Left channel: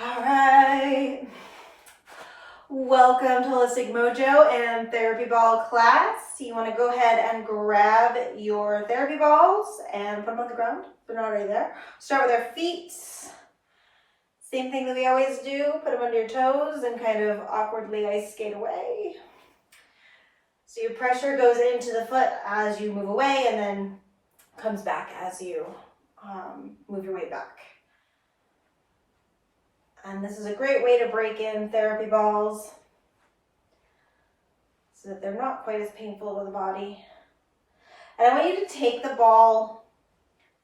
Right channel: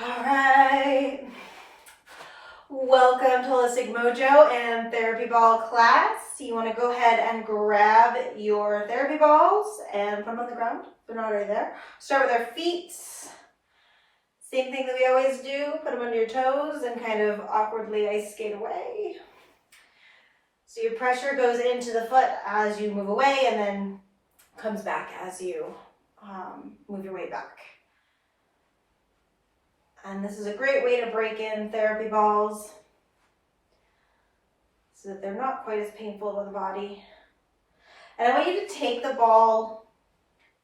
All right. Welcome to Holistic Mojo and Therapy Ball class. You want to go ahead and grab your therapy balls and put them on the ground. They're not already there. Start with our feet. Same thing that we always do. Put them under your toes and kind of awkwardly ice skate away. So your pressure goes into the foot as you move away and then comes back as you move your way back. And this is a great way to break in therapy balls so that they're not quite as painful to the body. And I want you to take the ball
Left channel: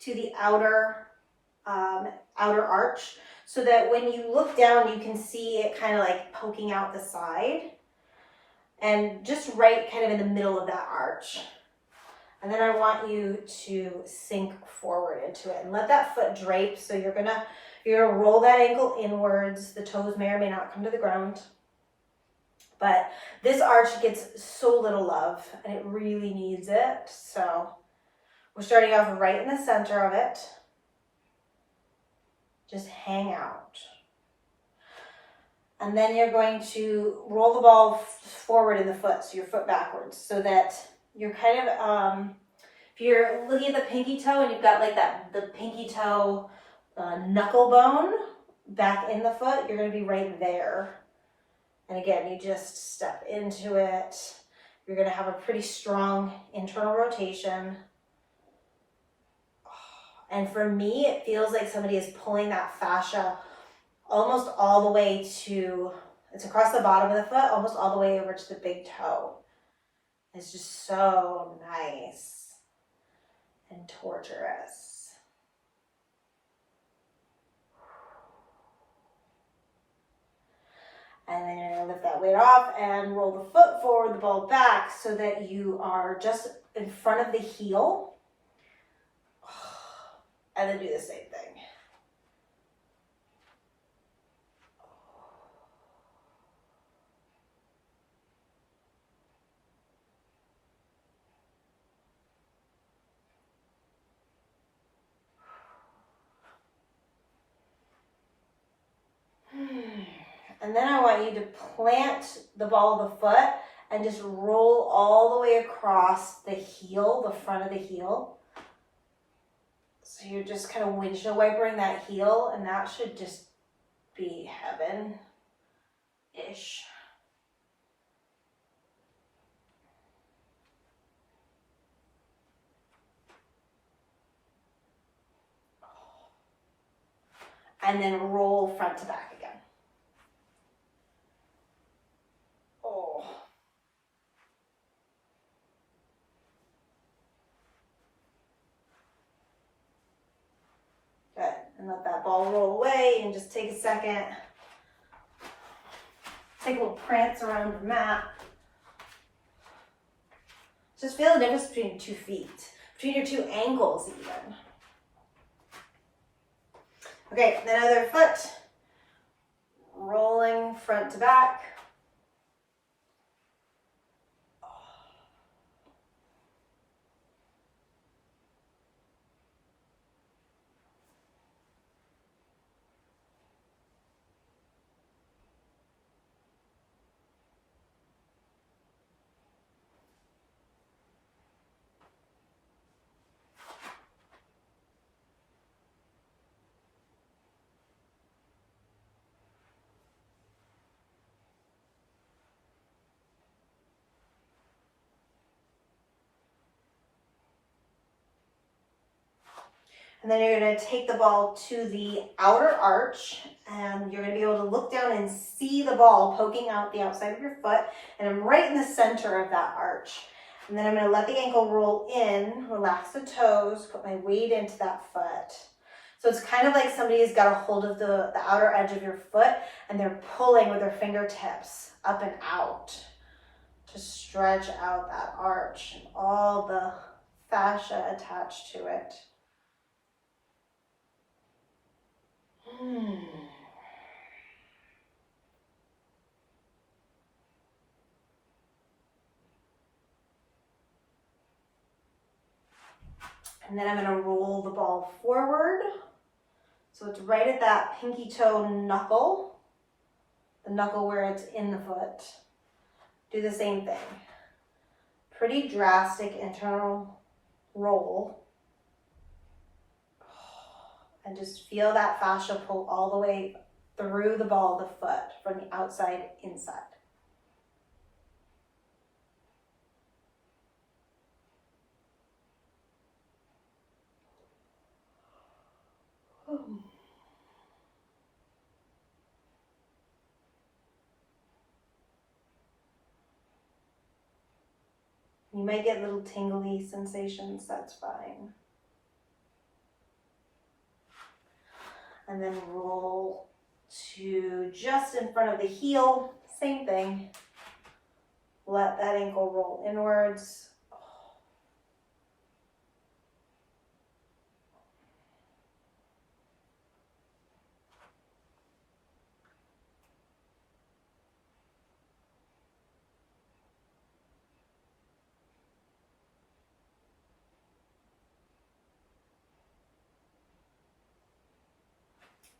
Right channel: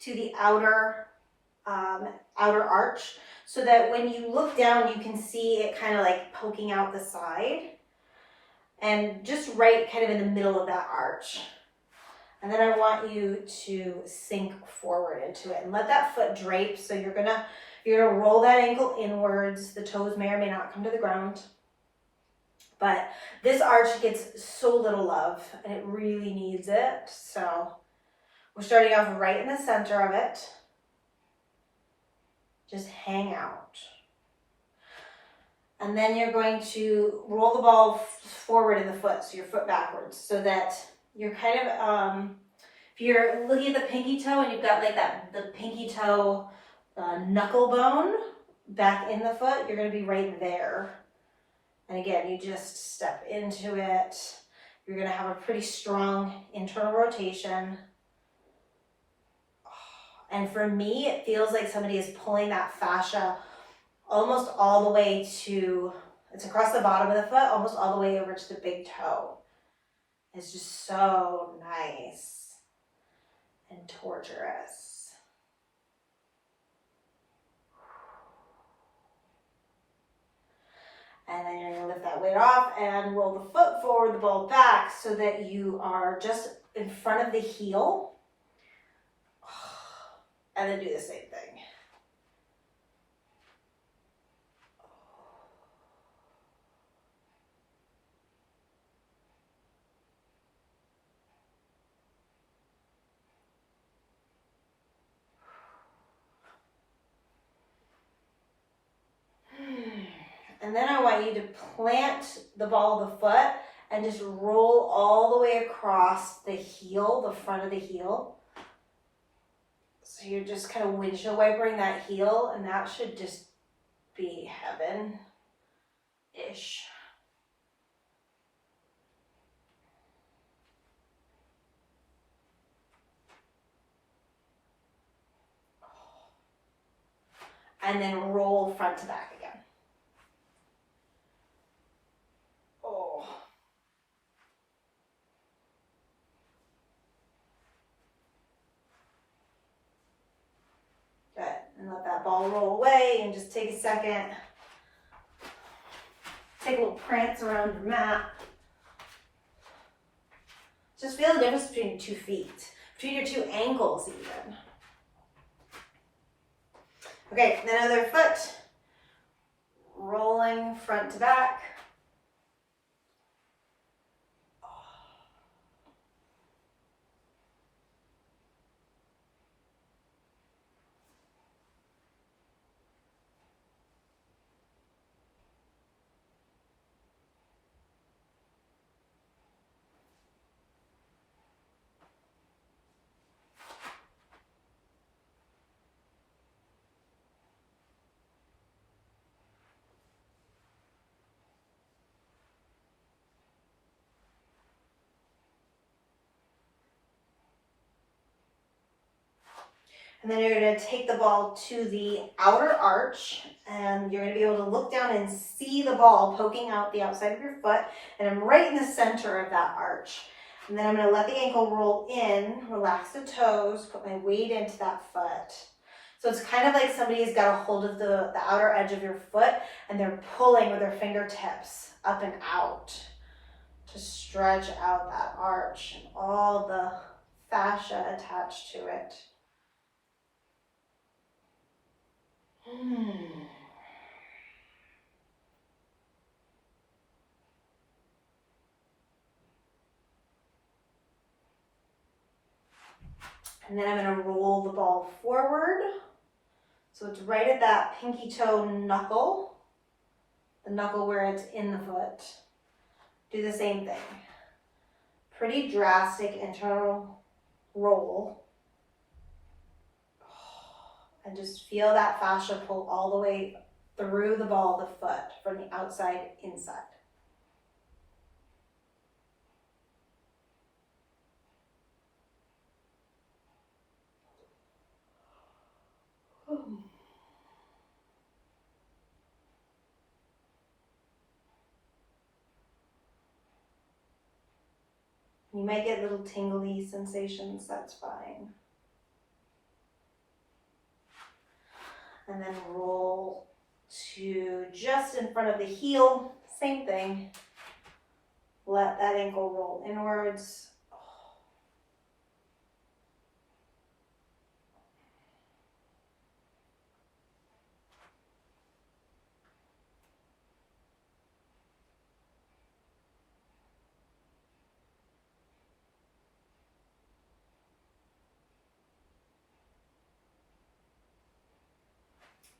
to the outer arch so that when you look down, you can see it kind of like poking out the side and just right kind of in the middle of that arch. And then I want you to sink forward into it and let that foot drape. So you're gonna roll that ankle inwards. The toes may or may not come to the ground. But this arch gets so little love and it really needs it. So we're starting off right in the center of it. Just hang out. And then you're going to roll the ball forward in the foot, so your foot backwards, so that you're kind of, if you're looking at the pinky toe and you've got like the pinky toe knuckle bone back in the foot, you're going to be right there. And again, you just step into it. You're going to have a pretty strong internal rotation. And for me, it feels like somebody is pulling that fascia almost all the way to, it's across the bottom of the foot, almost all the way over to the big toe. It's just so nice and torturous. And then you're gonna lift that weight off and roll the foot forward, the ball back, so that you are just in front of the heel. And then do the same thing. And then I want you to plant the ball of the foot and just roll all the way across the heel, the front of the heel. So you're just kind of windshield wipering that heel, and that should just be heaven-ish. And then roll front to back again. Oh. Good. And let that ball roll away and just take a second. Take a little prance around the mat. Just feel the difference between your 2 feet, between your 2 ankles even. Okay, then other foot, rolling front to back. And then you're going to take the ball to the outer arch, and you're going to be able to look down and see the ball poking out the outside of your foot. And I'm right in the center of that arch. And then I'm going to let the ankle roll in, relax the toes, put my weight into that foot. So it's kind of like somebody has got a hold of the outer edge of your foot, and they're pulling with their fingertips up and out to stretch out that arch and all the fascia attached to it. And then I'm going to roll the ball forward So it's right at that pinky toe knuckle, the knuckle where it's in the foot. Do the same thing. Pretty drastic internal roll. And just feel that fascia pull all the way through the ball of the foot from the outside inside. You might get little tingly sensations, that's fine. And then roll to just in front of the heel, same thing. Let that ankle roll inwards.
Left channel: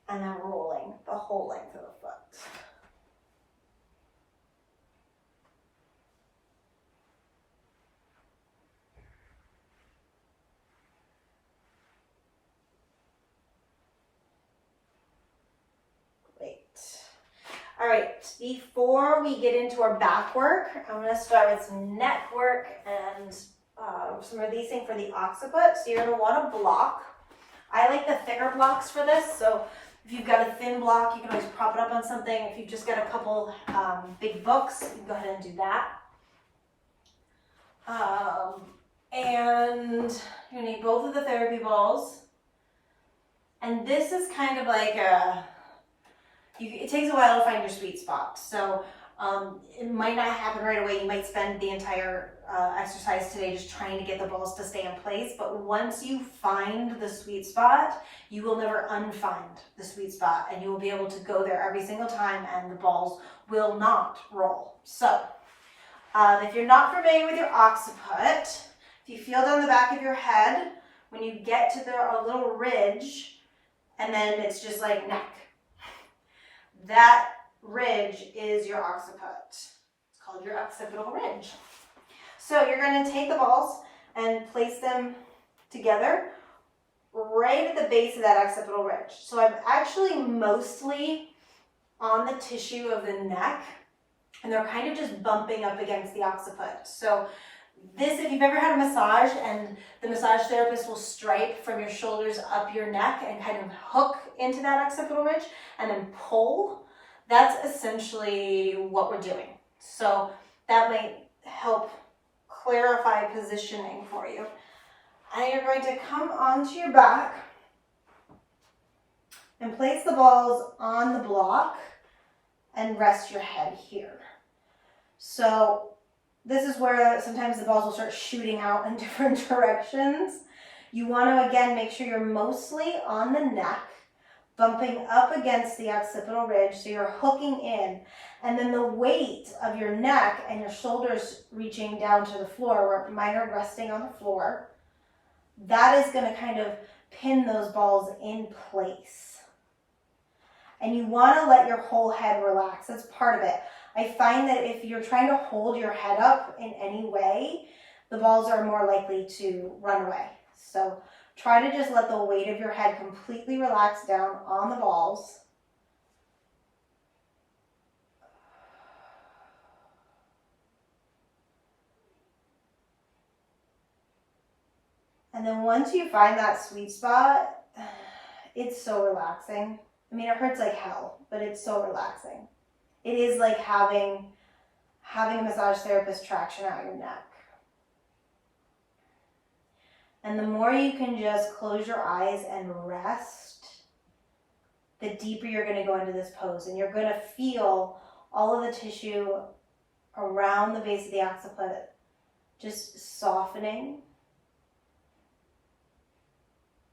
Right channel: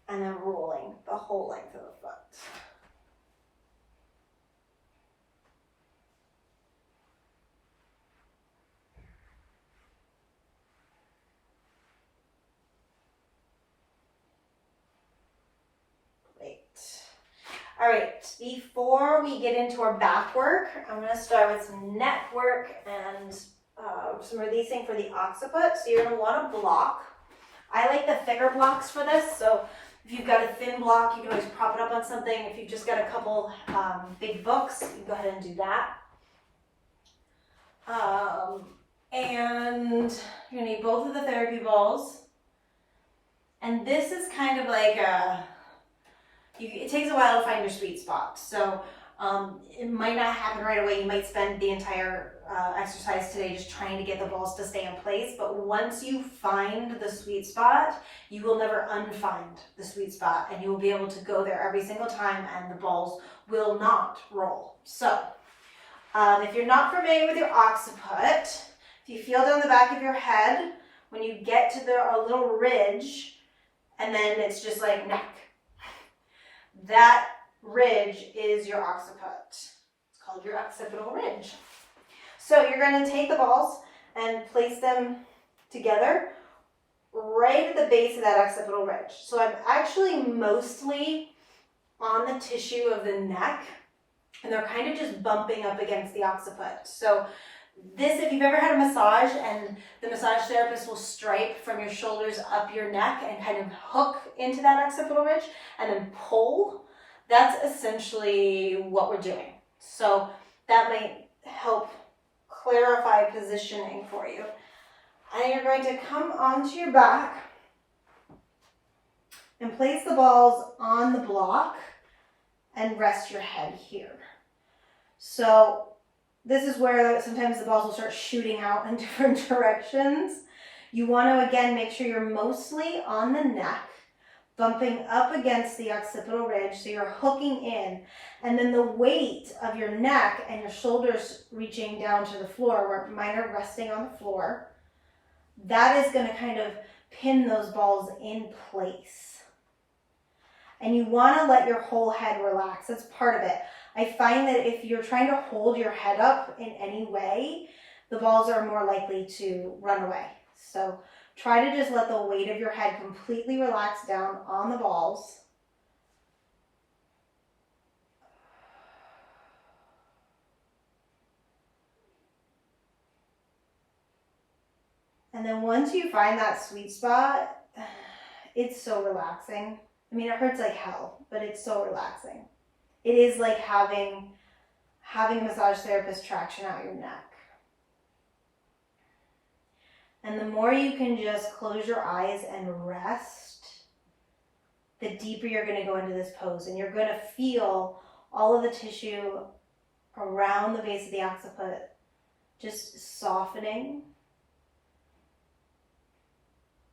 And then rolling the whole length of the foot. Great. All right, before we get into our back work, I'm gonna start with some neck work and some releasing for the occiput. So you're gonna wanna block. I like the thicker blocks for this, so if you've got a thin block, you can always prop it up on something. If you've just got a couple big books, you can go ahead and do that. And you need both of the therapy balls. And this is kind of like it takes a while to find your sweet spot. So it might not happen right away. You might spend the entire exercise today just trying to get the balls to stay in place. But once you find the sweet spot, you will never unfind the sweet spot. And you will be able to go there every single time and the balls will not roll. So if you're not familiar with your occiput, if you feel down the back of your head, when you get to a little ridge, and then it's just like neck, that ridge is your occiput. It's called your occipital ridge. So you're going to take the balls and place them together right at the base of that occipital ridge. So I'm actually mostly on the tissue of the neck, and they're kind of just bumping up against the occiput. So this, if you've ever had a massage and the massage therapist will stripe from your shoulders up your neck and kind of hook into that occipital ridge and then pull, that's essentially what we're doing. So that might help clarify positioning for you. And you're going to come onto your back and place the balls on the block and rest your head here. So this is where sometimes the balls will start shooting out in different directions. You want to, again, make sure you're mostly on the neck, bumping up against the occipital ridge, so you're hooking in. And then the weight of your neck and your shoulders reaching down to the floor, where mine are resting on the floor, that is going to kind of pin those balls in place. And you want to let your whole head relax. That's part of it. I find that if you're trying to hold your head up in any way, the balls are more likely to run away. So try to just let the weight of your head completely relax down on the balls. And then once you find that sweet spot, it's so relaxing. I mean, it hurts like hell, but it's so relaxing. It is like having a massage therapist traction out your neck. And the more you can just close your eyes and rest, the deeper you're going to go into this pose. And you're going to feel all of the tissue around the base of the occiput just softening.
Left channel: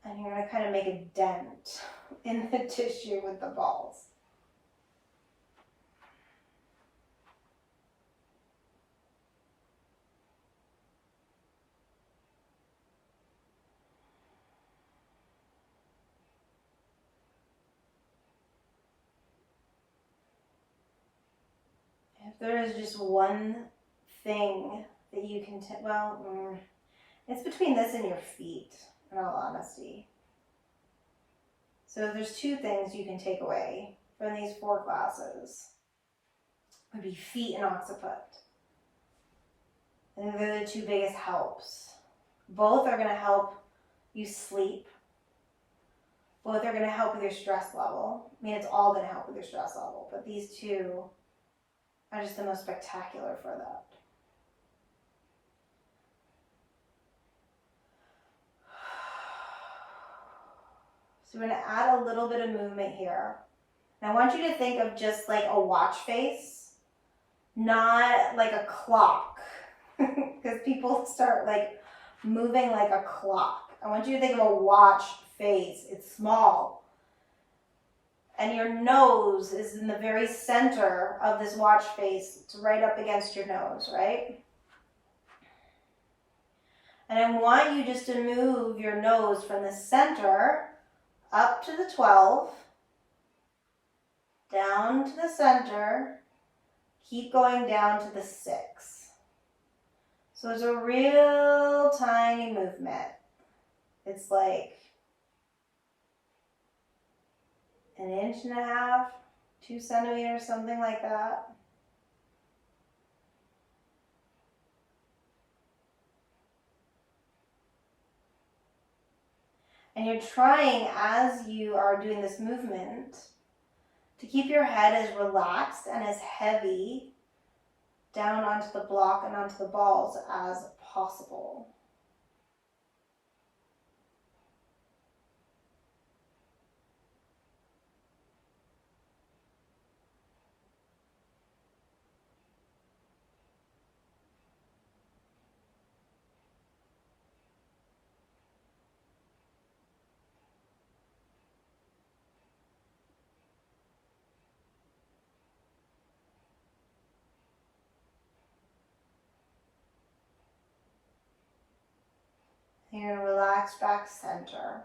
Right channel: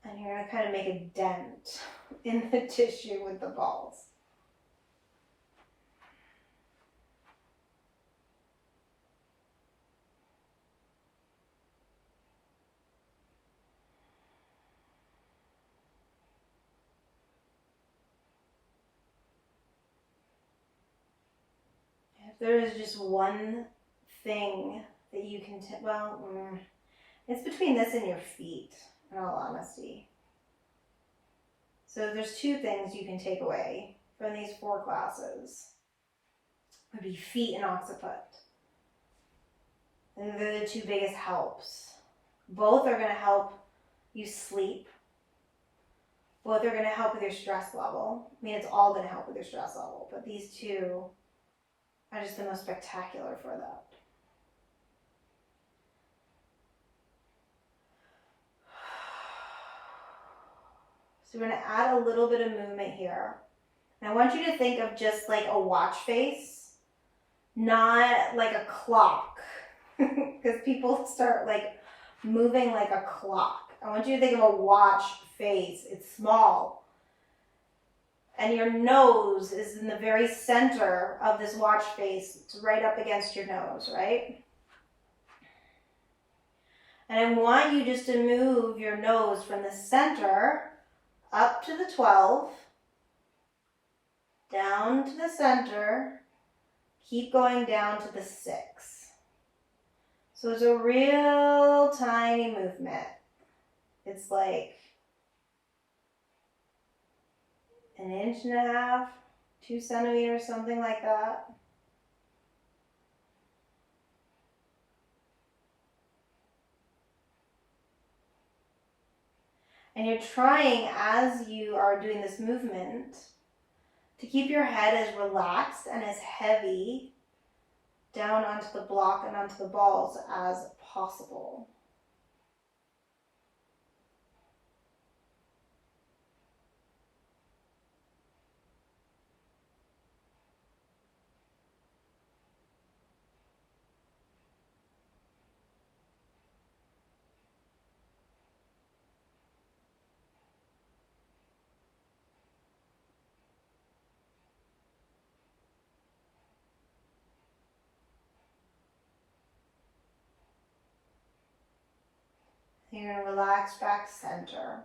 And you're going to kind of make a dent in the tissue with the balls. there is just one thing that you can, it's between this and your feet, in all honesty. So there's two things you can take away from these 4 classes. It would be feet and occiput. And they're the 2 biggest helps. Both are going to help you sleep. Both are going to help with your stress level. I mean, it's all going to help with your stress level, but these 2 are just the most spectacular for that. So we're going to add a little bit of movement here. And I want you to think of just like a watch face, not like a clock, because people start like moving like a clock. I want you to think of a watch face. It's small. And your nose is in the very center of this watch face. It's right up against your nose, right? And I want you just to move your nose from the center up to the 12, down to the center, keep going down to the 6. So it's a real tiny movement. It's like 1.5 inches, 2 centimeters, something like that. And you're trying, as you are doing this movement, to keep your head as relaxed and as heavy down onto the block and onto the balls as possible. You're going to relax back center.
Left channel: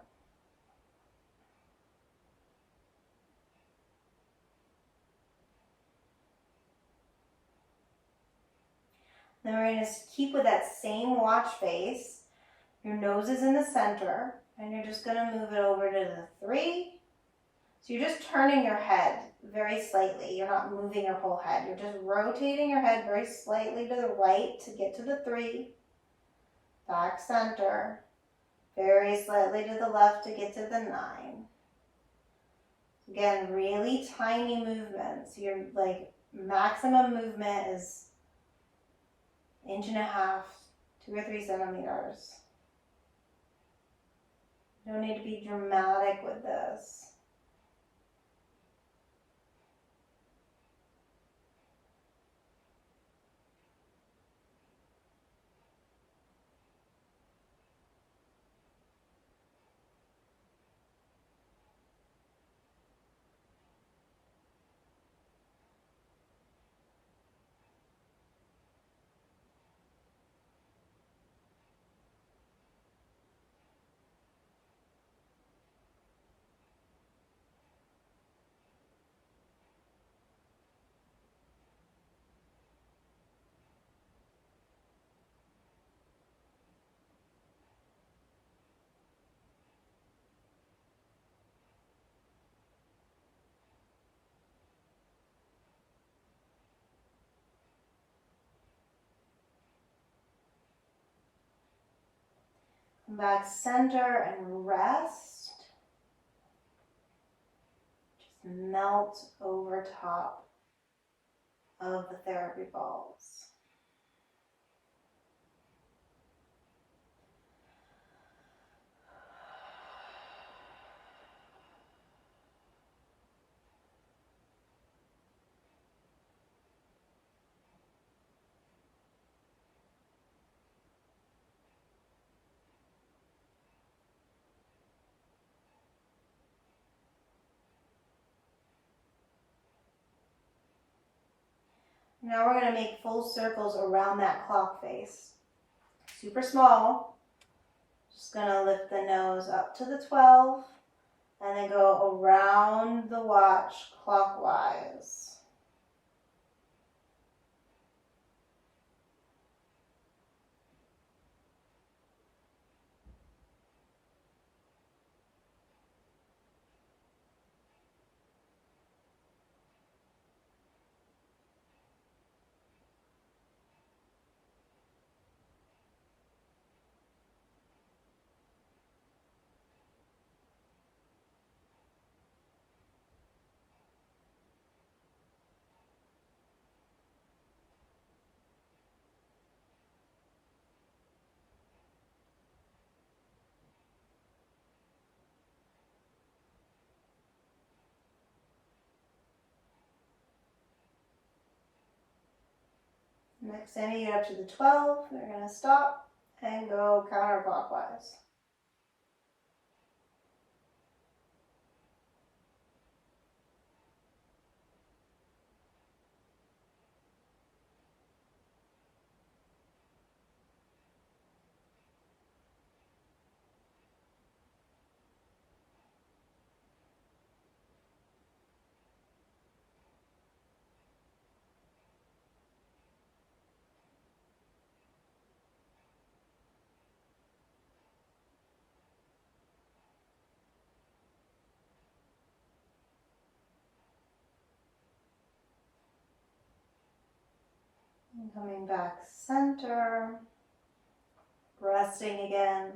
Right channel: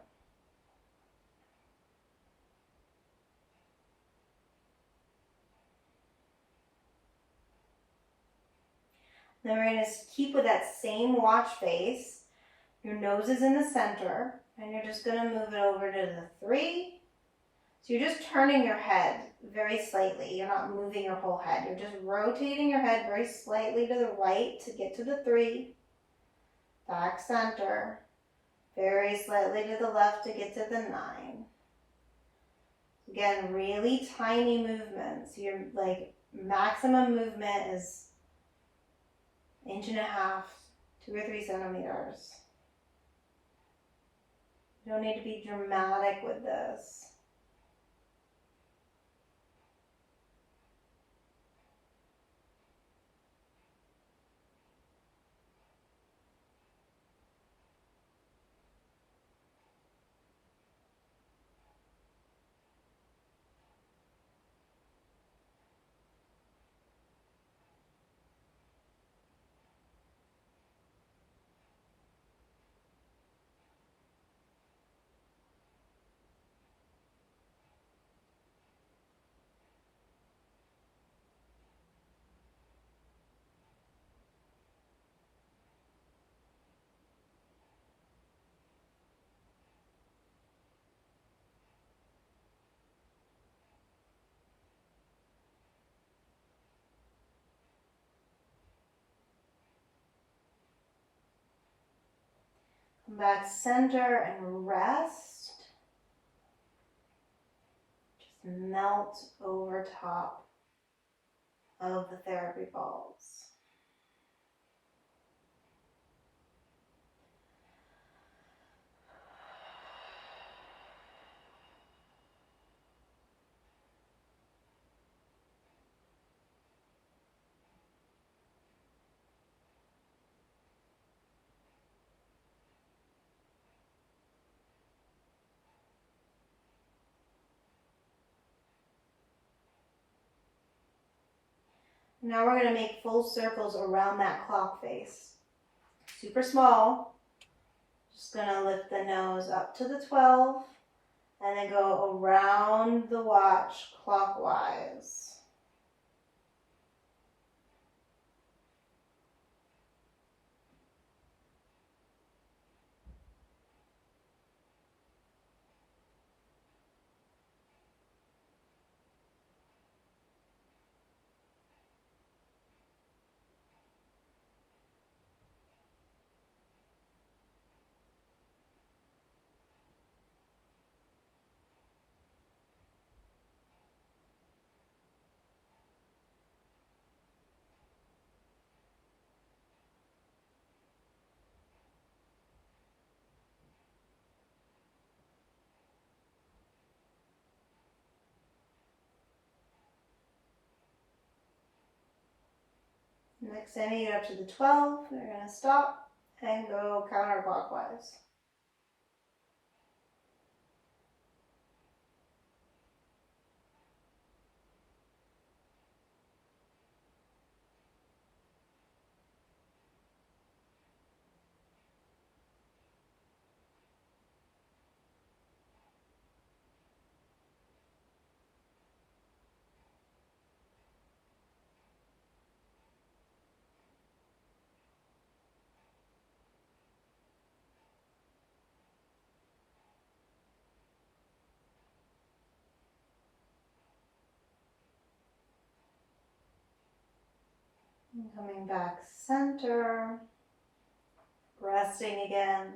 Then we're going to keep with that same watch face. Your nose is in the center, and you're just going to move it over to the 3. So you're just turning your head very slightly. You're not moving your whole head. You're just rotating your head very slightly to the right to get to the 3. Back center. Very slightly to the left to get to the 9. Again, really tiny movements. Your like maximum movement is 1.5 inches, 2 or 3 centimeters. You don't need to be dramatic with this. Come back center and rest. Just melt over top of the therapy balls. Now we're going to make full circles around that clock face. Super small. Just going to lift the nose up to the 12 and then go around the watch clockwise. Next time you get up to the 12, you're going to stop and go counterclockwise. And coming back center, resting again.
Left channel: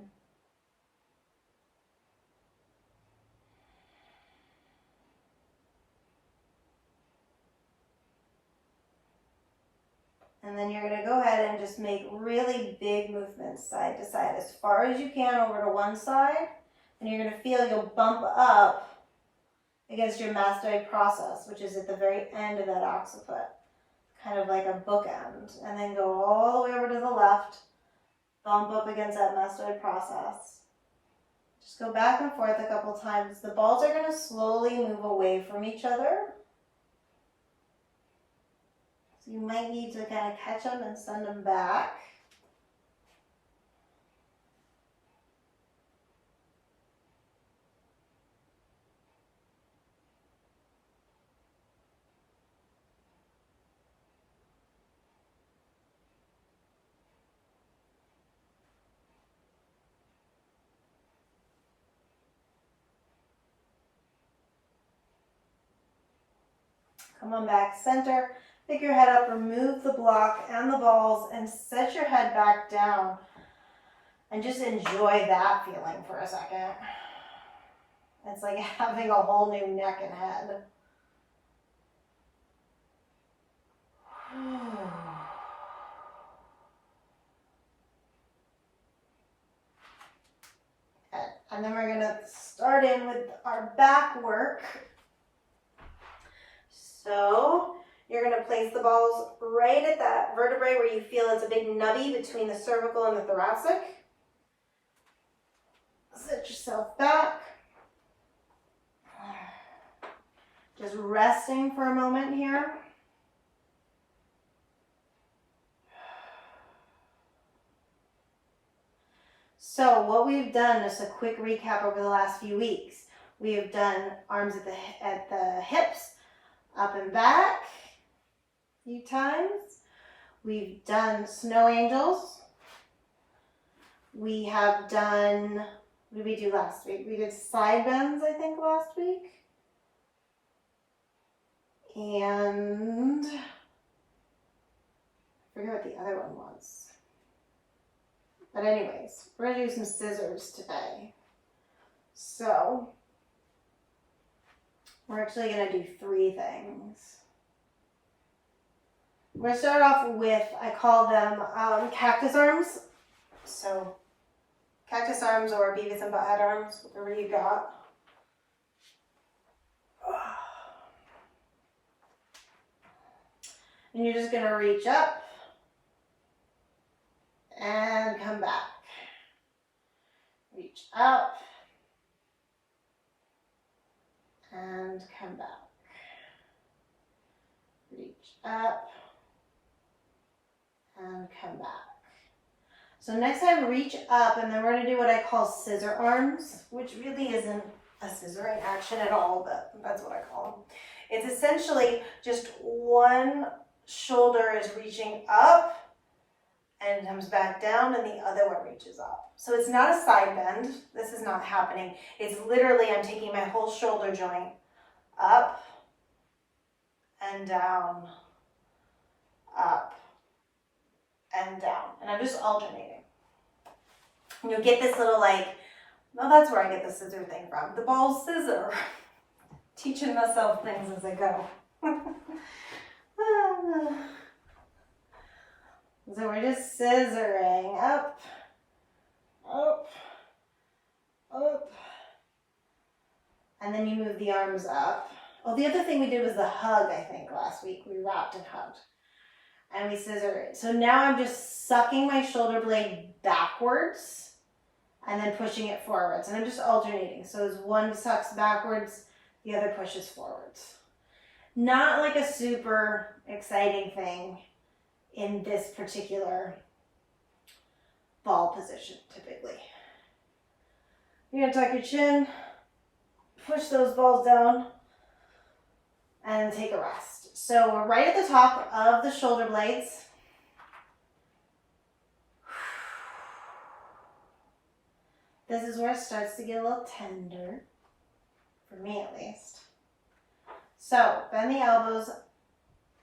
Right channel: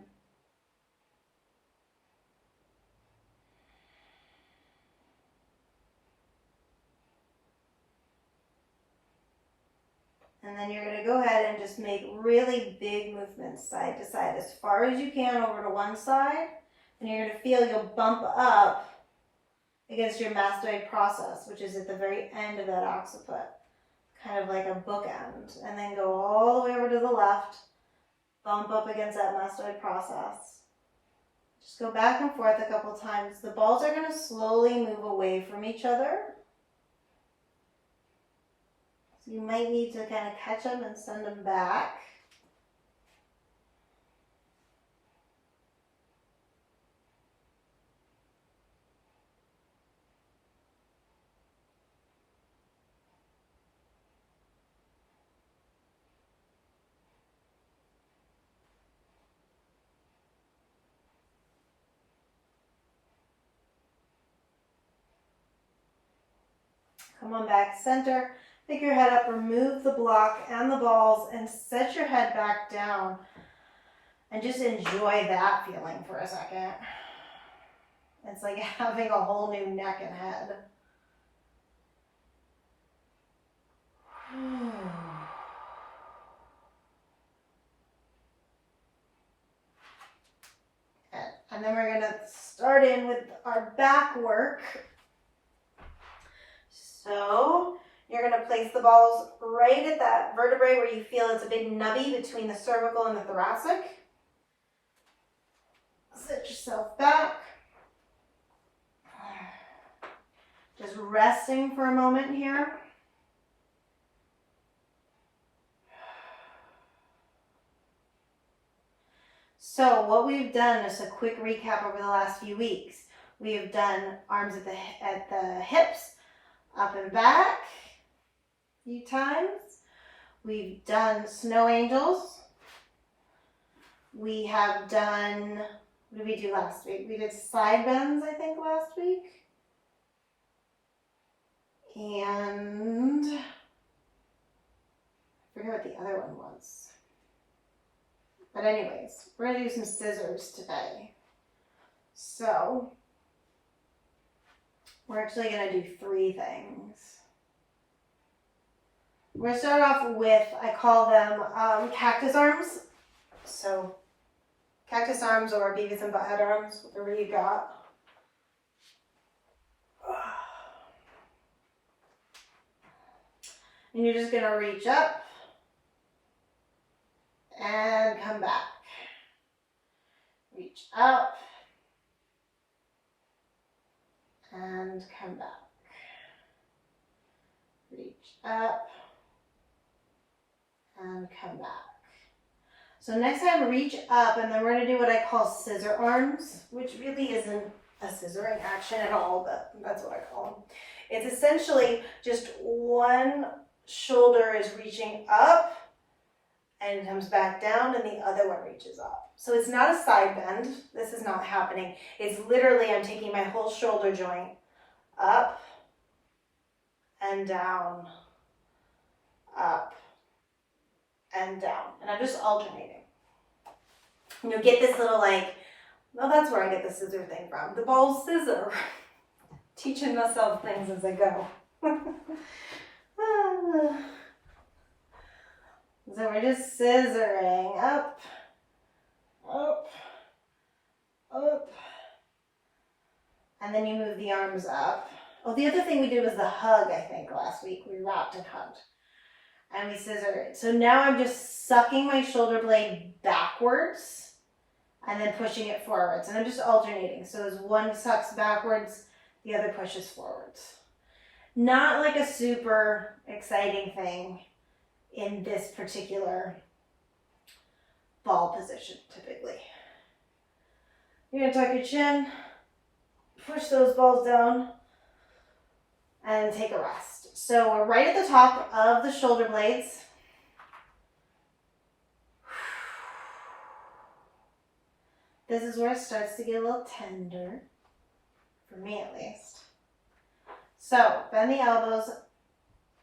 And then you're going to go ahead and just make really big movements side to side as far as you can over to one side. And you're going to feel you'll bump up against your mastoid process, which is at the very end of that occiput, kind of like a bookend. And then go all the way over to the left, bump up against that mastoid process. Just go back and forth a couple times. The balls are going to slowly move away from each other. So you might need to kind of catch them and send them back. Come on back center. Pick your head up, remove the block and the balls, and set your head back down. And just enjoy that feeling for a second. It's like having a whole new neck and head. And then we're going to start in with our back work. So you're going to place the balls right at that vertebrae where you feel it's a big nubby between the cervical and the thoracic. Sit yourself back. Just resting for a moment here. So what we've done is a quick recap over the last few weeks. We have done arms at the hips, up and back a few times. We've done snow angels. We have done, what did we do last week? We did side bends, I think, last week. And I forget what the other one was. But anyways, we're going to do some scissors today. So we're actually going to do 3 things. We're going to start off with, I call them cactus arms. So cactus arms or Beavis and Butthead arms, whatever you got. And you're just going to reach up and come back. Reach up and come back. Reach up and come back. So next time, reach up, and then we're going to do what I call scissor arms, which really isn't a scissoring action at all, but that's what I call them. It's essentially just one shoulder is reaching up and comes back down, and the other one reaches up. So it's not a side bend. This is not happening. It's literally I'm taking my whole shoulder joint up and down, up and down. And I'm just alternating. And you'll get this little like, well, that's where I get the scissor thing from. The ball scissor. Teaching myself things as I go. So we're just scissoring up, up, up. And then you move the arms up. Oh, the other thing we did was the hug, I think, last week. We wrapped and hugged. and we scissor it. So now I'm just sucking my shoulder blade backwards and then pushing it forwards. And I'm just alternating. So as one sucks backwards, the other pushes forwards. Not like a super exciting thing in this particular ball position, typically. You're gonna tuck your chin, push those balls down, and take a rest. So we're right at the top of the shoulder blades. This is where it starts to get a little tender, for me at least. So bend the elbows.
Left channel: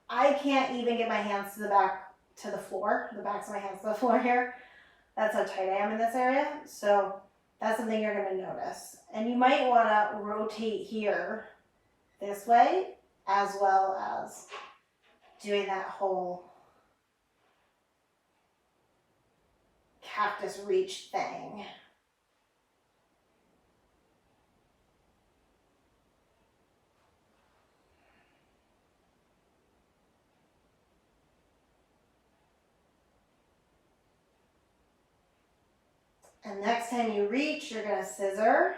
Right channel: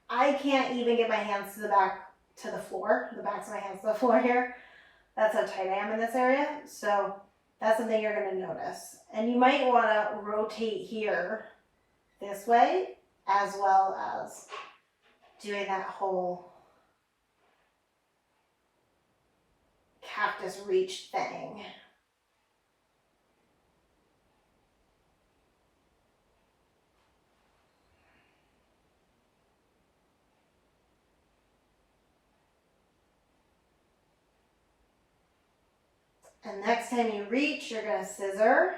I can't even get my hands to the back, to the floor, the backs of my hands to the floor here. That's how tight I am in this area. So that's something you're gonna notice. And you might wanna rotate here this way, as well as doing that whole cactus reach thing. And next time you reach, you're gonna scissor.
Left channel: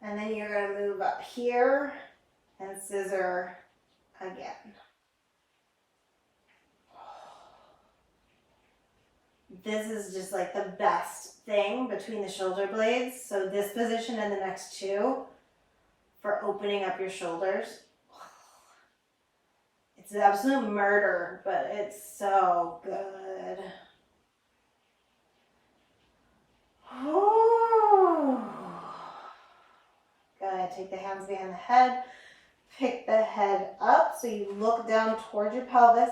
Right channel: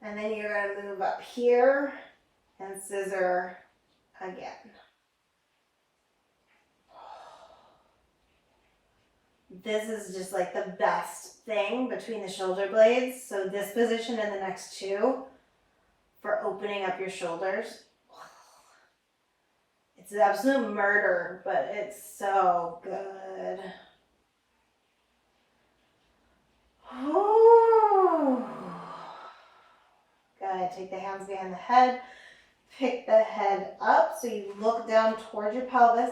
And then you're gonna move up here and scissor again. This is just like the best thing between the shoulder blades. So this position and the next two for opening up your shoulders. It's an absolute murder, but it's so good. Ooh. Good. Take the hands behind the head. Pick the head up so you look down towards your pelvis.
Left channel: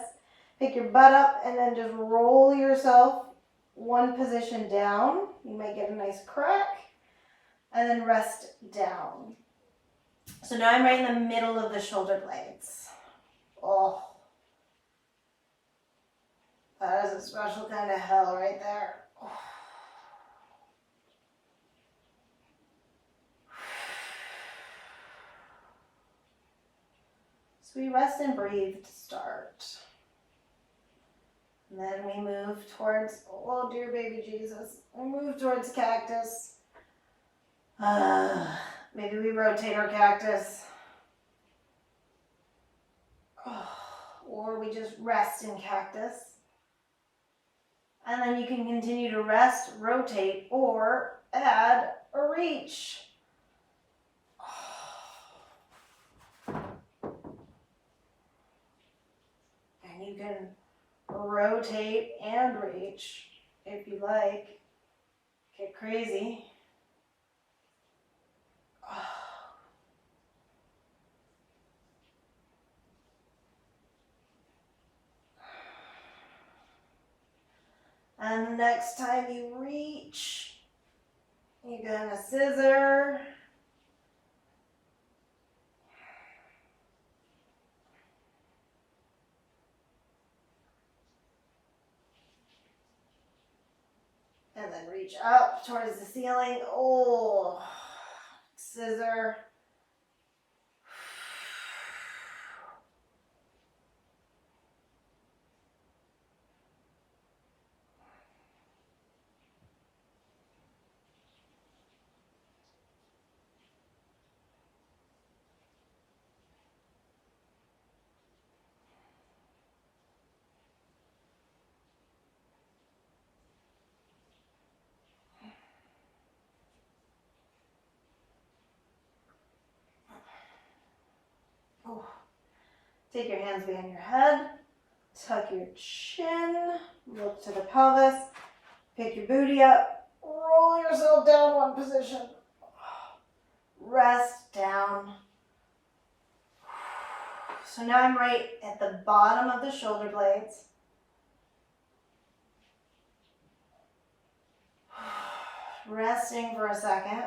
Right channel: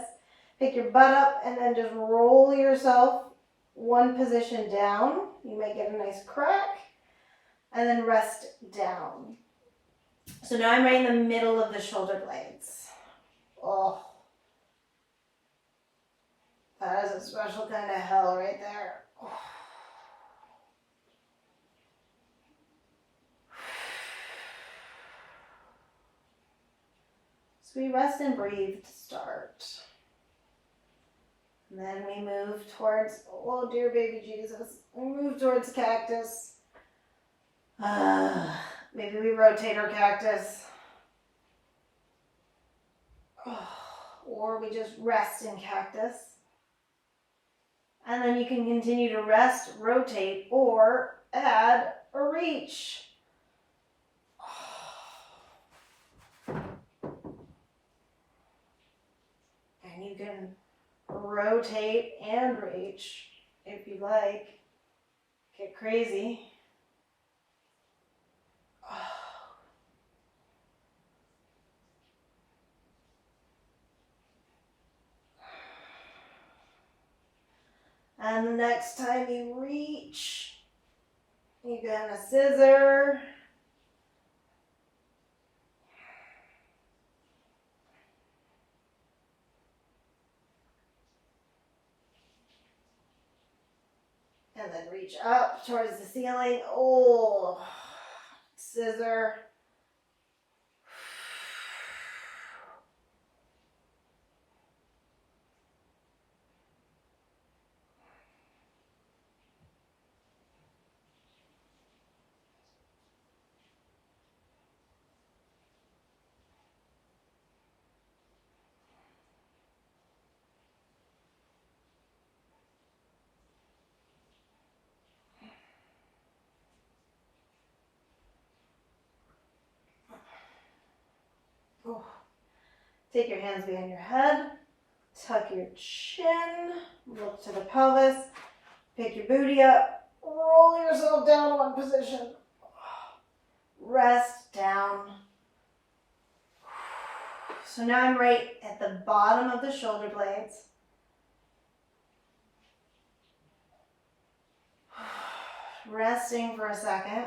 Pick your butt up and then just roll yourself one position down. You might get a nice crack. And then rest down. So now I'm right in the middle of the shoulder blades. Oh. That is a special kind of hell right there. Oh. So we rest and breathe to start. And then we move towards, oh dear baby Jesus, we move towards cactus. Maybe we rotate our cactus. Or we just rest in cactus. And then you can continue to rest, rotate, or add a reach. And you can rotate and reach if you like. Get crazy. And the next time you reach, you're gonna scissor. And then reach up towards the ceiling. Oh, scissor. Oh. Take your hands behind your head, tuck your chin, look to the pelvis, pick your booty up, roll yourself down one position, rest down. So now I'm right at the bottom of the shoulder blades. Resting for a second.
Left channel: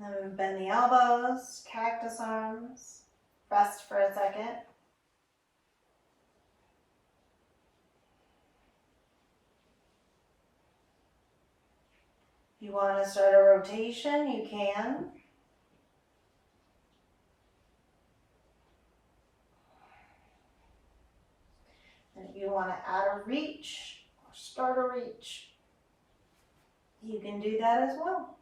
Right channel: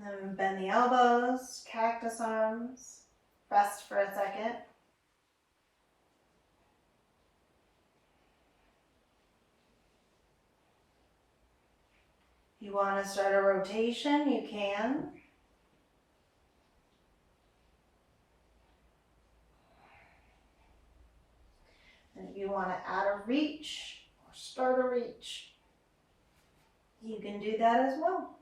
Then bend the elbows, cactus arms. Rest for a second. If you want to start a rotation, you can. And if you want to add a reach or start a reach, you can do that as well.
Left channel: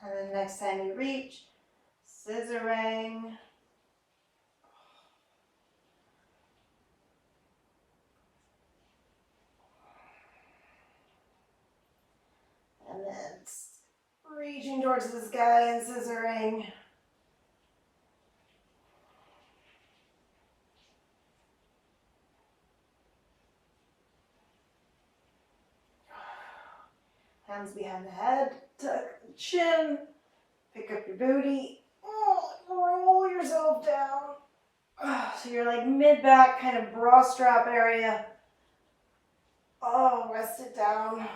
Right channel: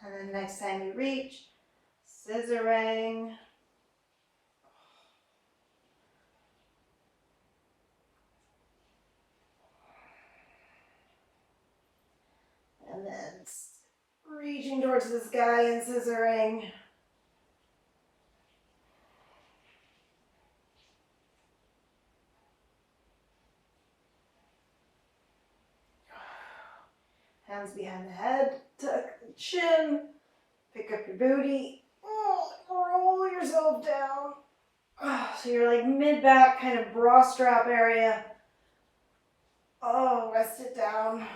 And then next time you reach, scissoring. And then reaching towards the sky and scissoring. Hands behind the head, tuck the chin, pick up your booty, roll yourself down. So you're like mid-back, kind of bra strap area. Oh, rest it down.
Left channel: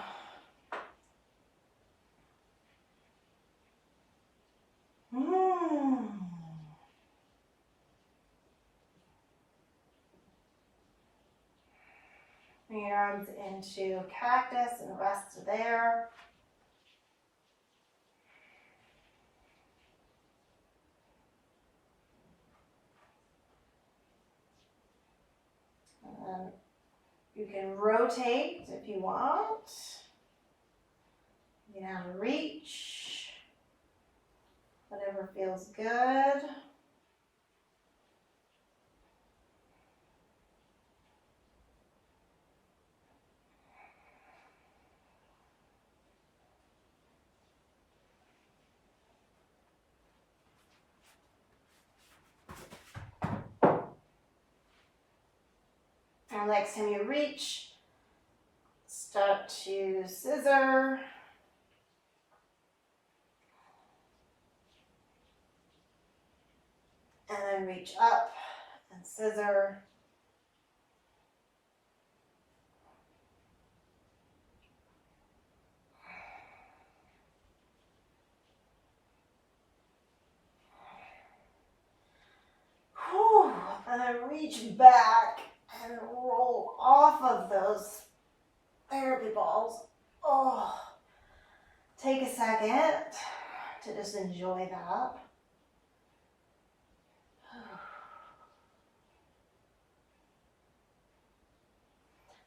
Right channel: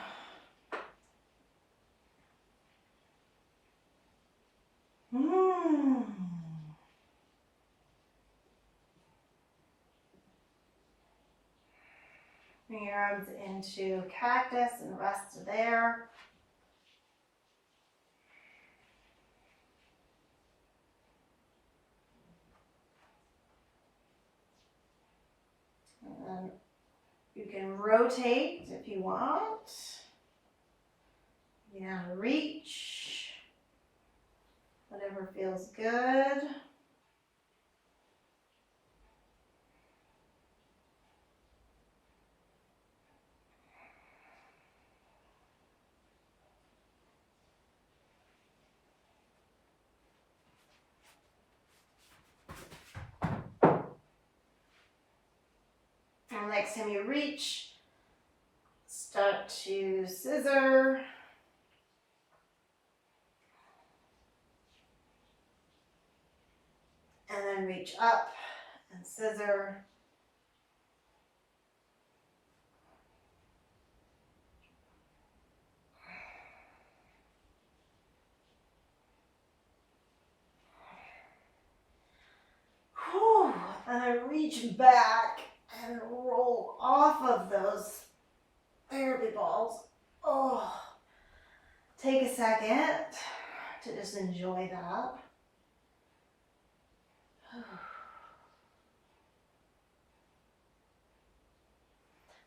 Bring your arms into cactus and rest there. And then you can rotate if you want. You can have a reach. Whatever feels good. And next time you reach, start to scissor. And then reach up and scissor. Whew. And then reach back and roll off of those therapy balls. Oh, take a second to just enjoy that.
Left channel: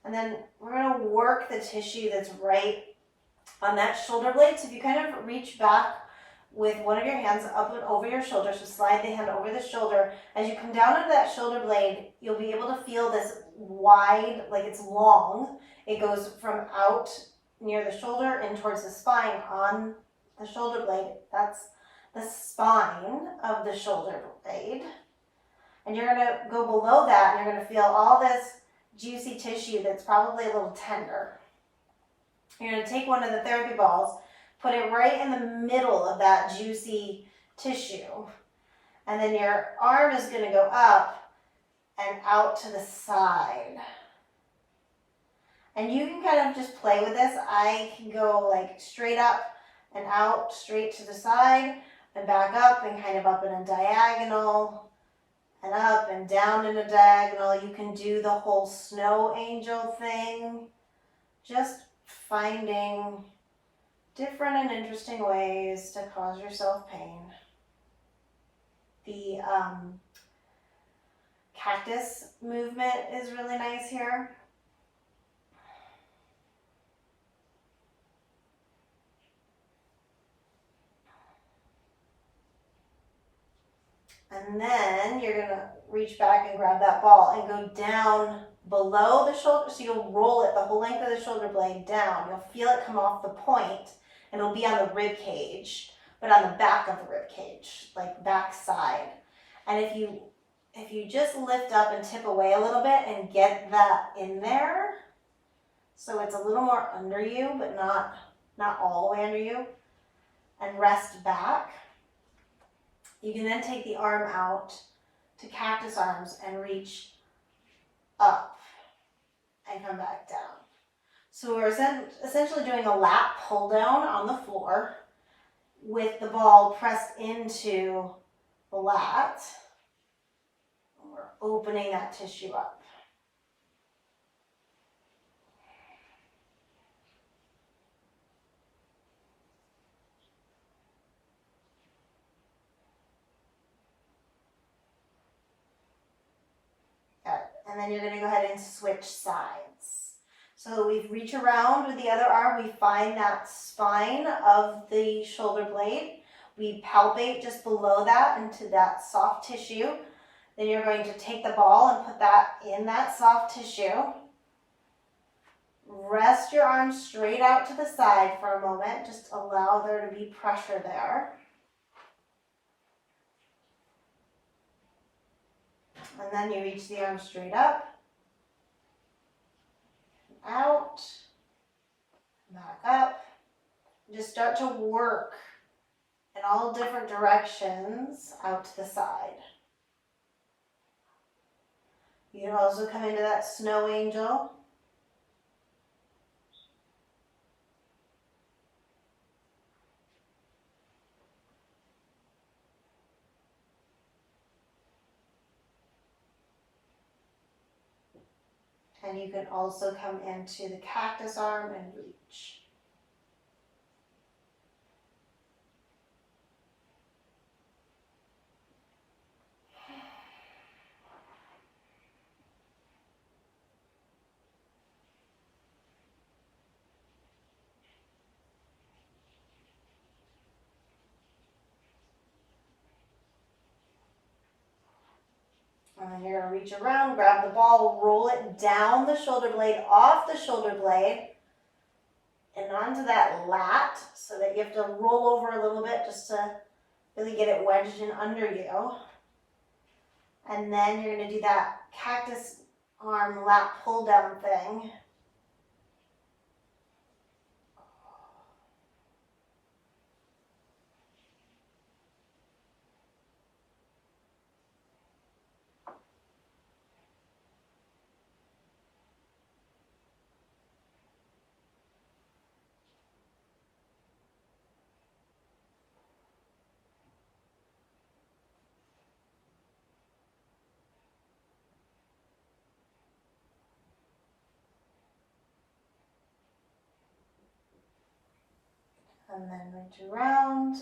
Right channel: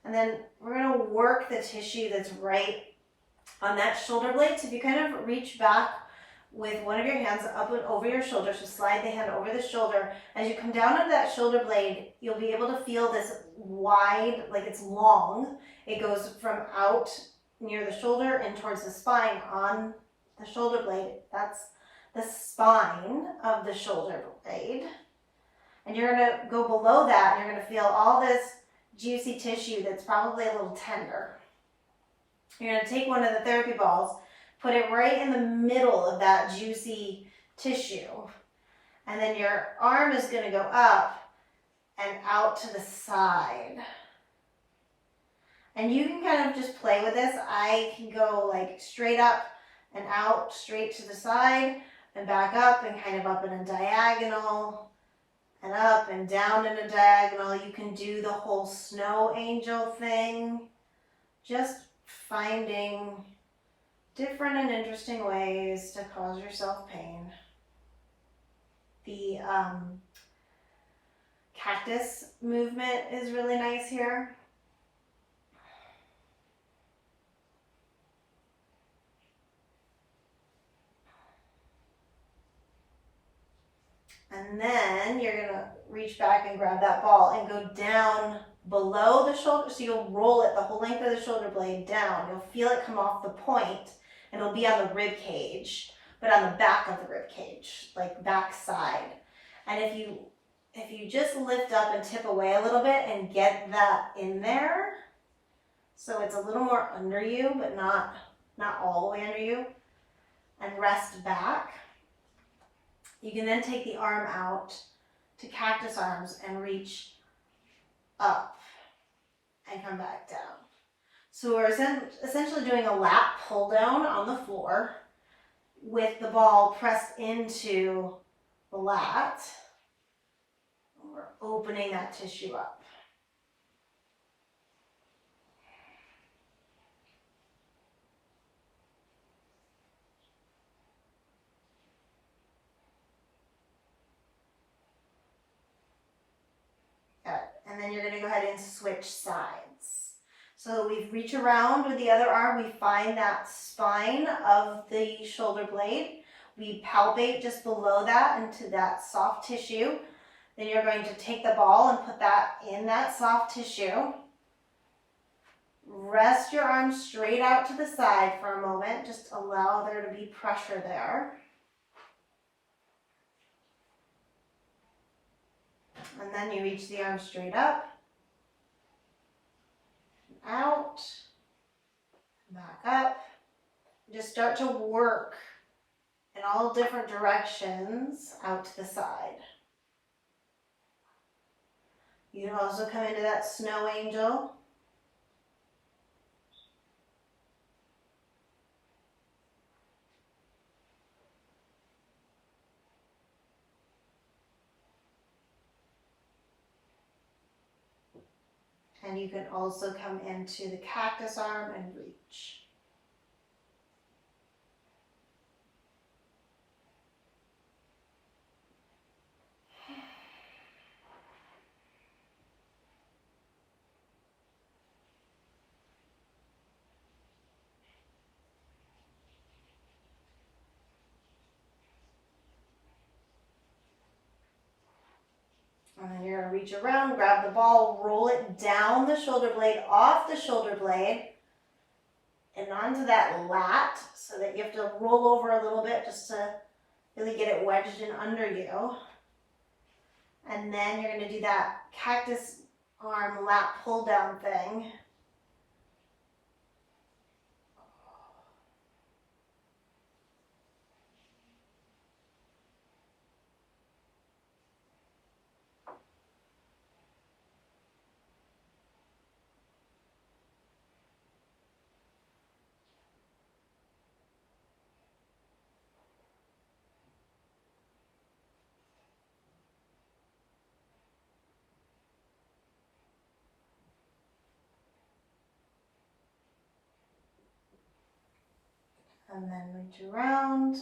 And then we're going to work the tissue that's right on that shoulder blade. So if you kind of reach back with one of your hands up and over your shoulder, so slide the hand over the shoulder. As you come down onto that shoulder blade, you'll be able to feel this wide, like it's long. It goes from out near the shoulder and towards the spine on the shoulder blade. That's the spine of the shoulder blade. And you're going to go below that and you're going to feel all this juicy tissue that's probably a little tender. You're going to take one of the therapy balls, put it right in the middle of that juicy tissue, and then your arm is going to go up and out to the side. And you can kind of just play with this. I can go like straight up and out, straight to the side, and back up and kind of up in a diagonal, and up and down in a diagonal. You can do the whole snow angel thing. Just finding different and interesting ways to cause yourself pain. The cactus movement is really nice here. And then you're going to reach back and grab that ball and go down below the shoulder, so you'll roll it the whole length of the shoulder blade down. You'll feel it come off the point, and it'll be on the rib cage, but on the back of the rib cage, like back side. And if you just lift up and tip away a little bit and get that in there, so it's a little more under you, but not all the way under you, and rest back, you can then take the arm out to cactus arms and reach up and come back down. So we're essentially doing a lat pull down on the floor with the ball pressed into the lat. We're opening that tissue up. And then you're going to go ahead and switch sides. So we reach around with the other arm, we find that spine of the shoulder blade. We palpate just below that into that soft tissue. Then you're going to take the ball and put that in that soft tissue. Rest your arms straight out to the side for a moment. Just allow there to be pressure there. And then you reach the arm straight up, out, back up. Just start to work in all different directions out to the side. You can also come into that snow angel. And you can also come into the cactus arm and reach. And then you're going to reach around, grab the ball, roll it down the shoulder blade, off the shoulder blade, and onto that lat, so that you have to roll over a little bit just to really get it wedged in under you. And then you're going to do that cactus arm lat pull down thing. And then reach around,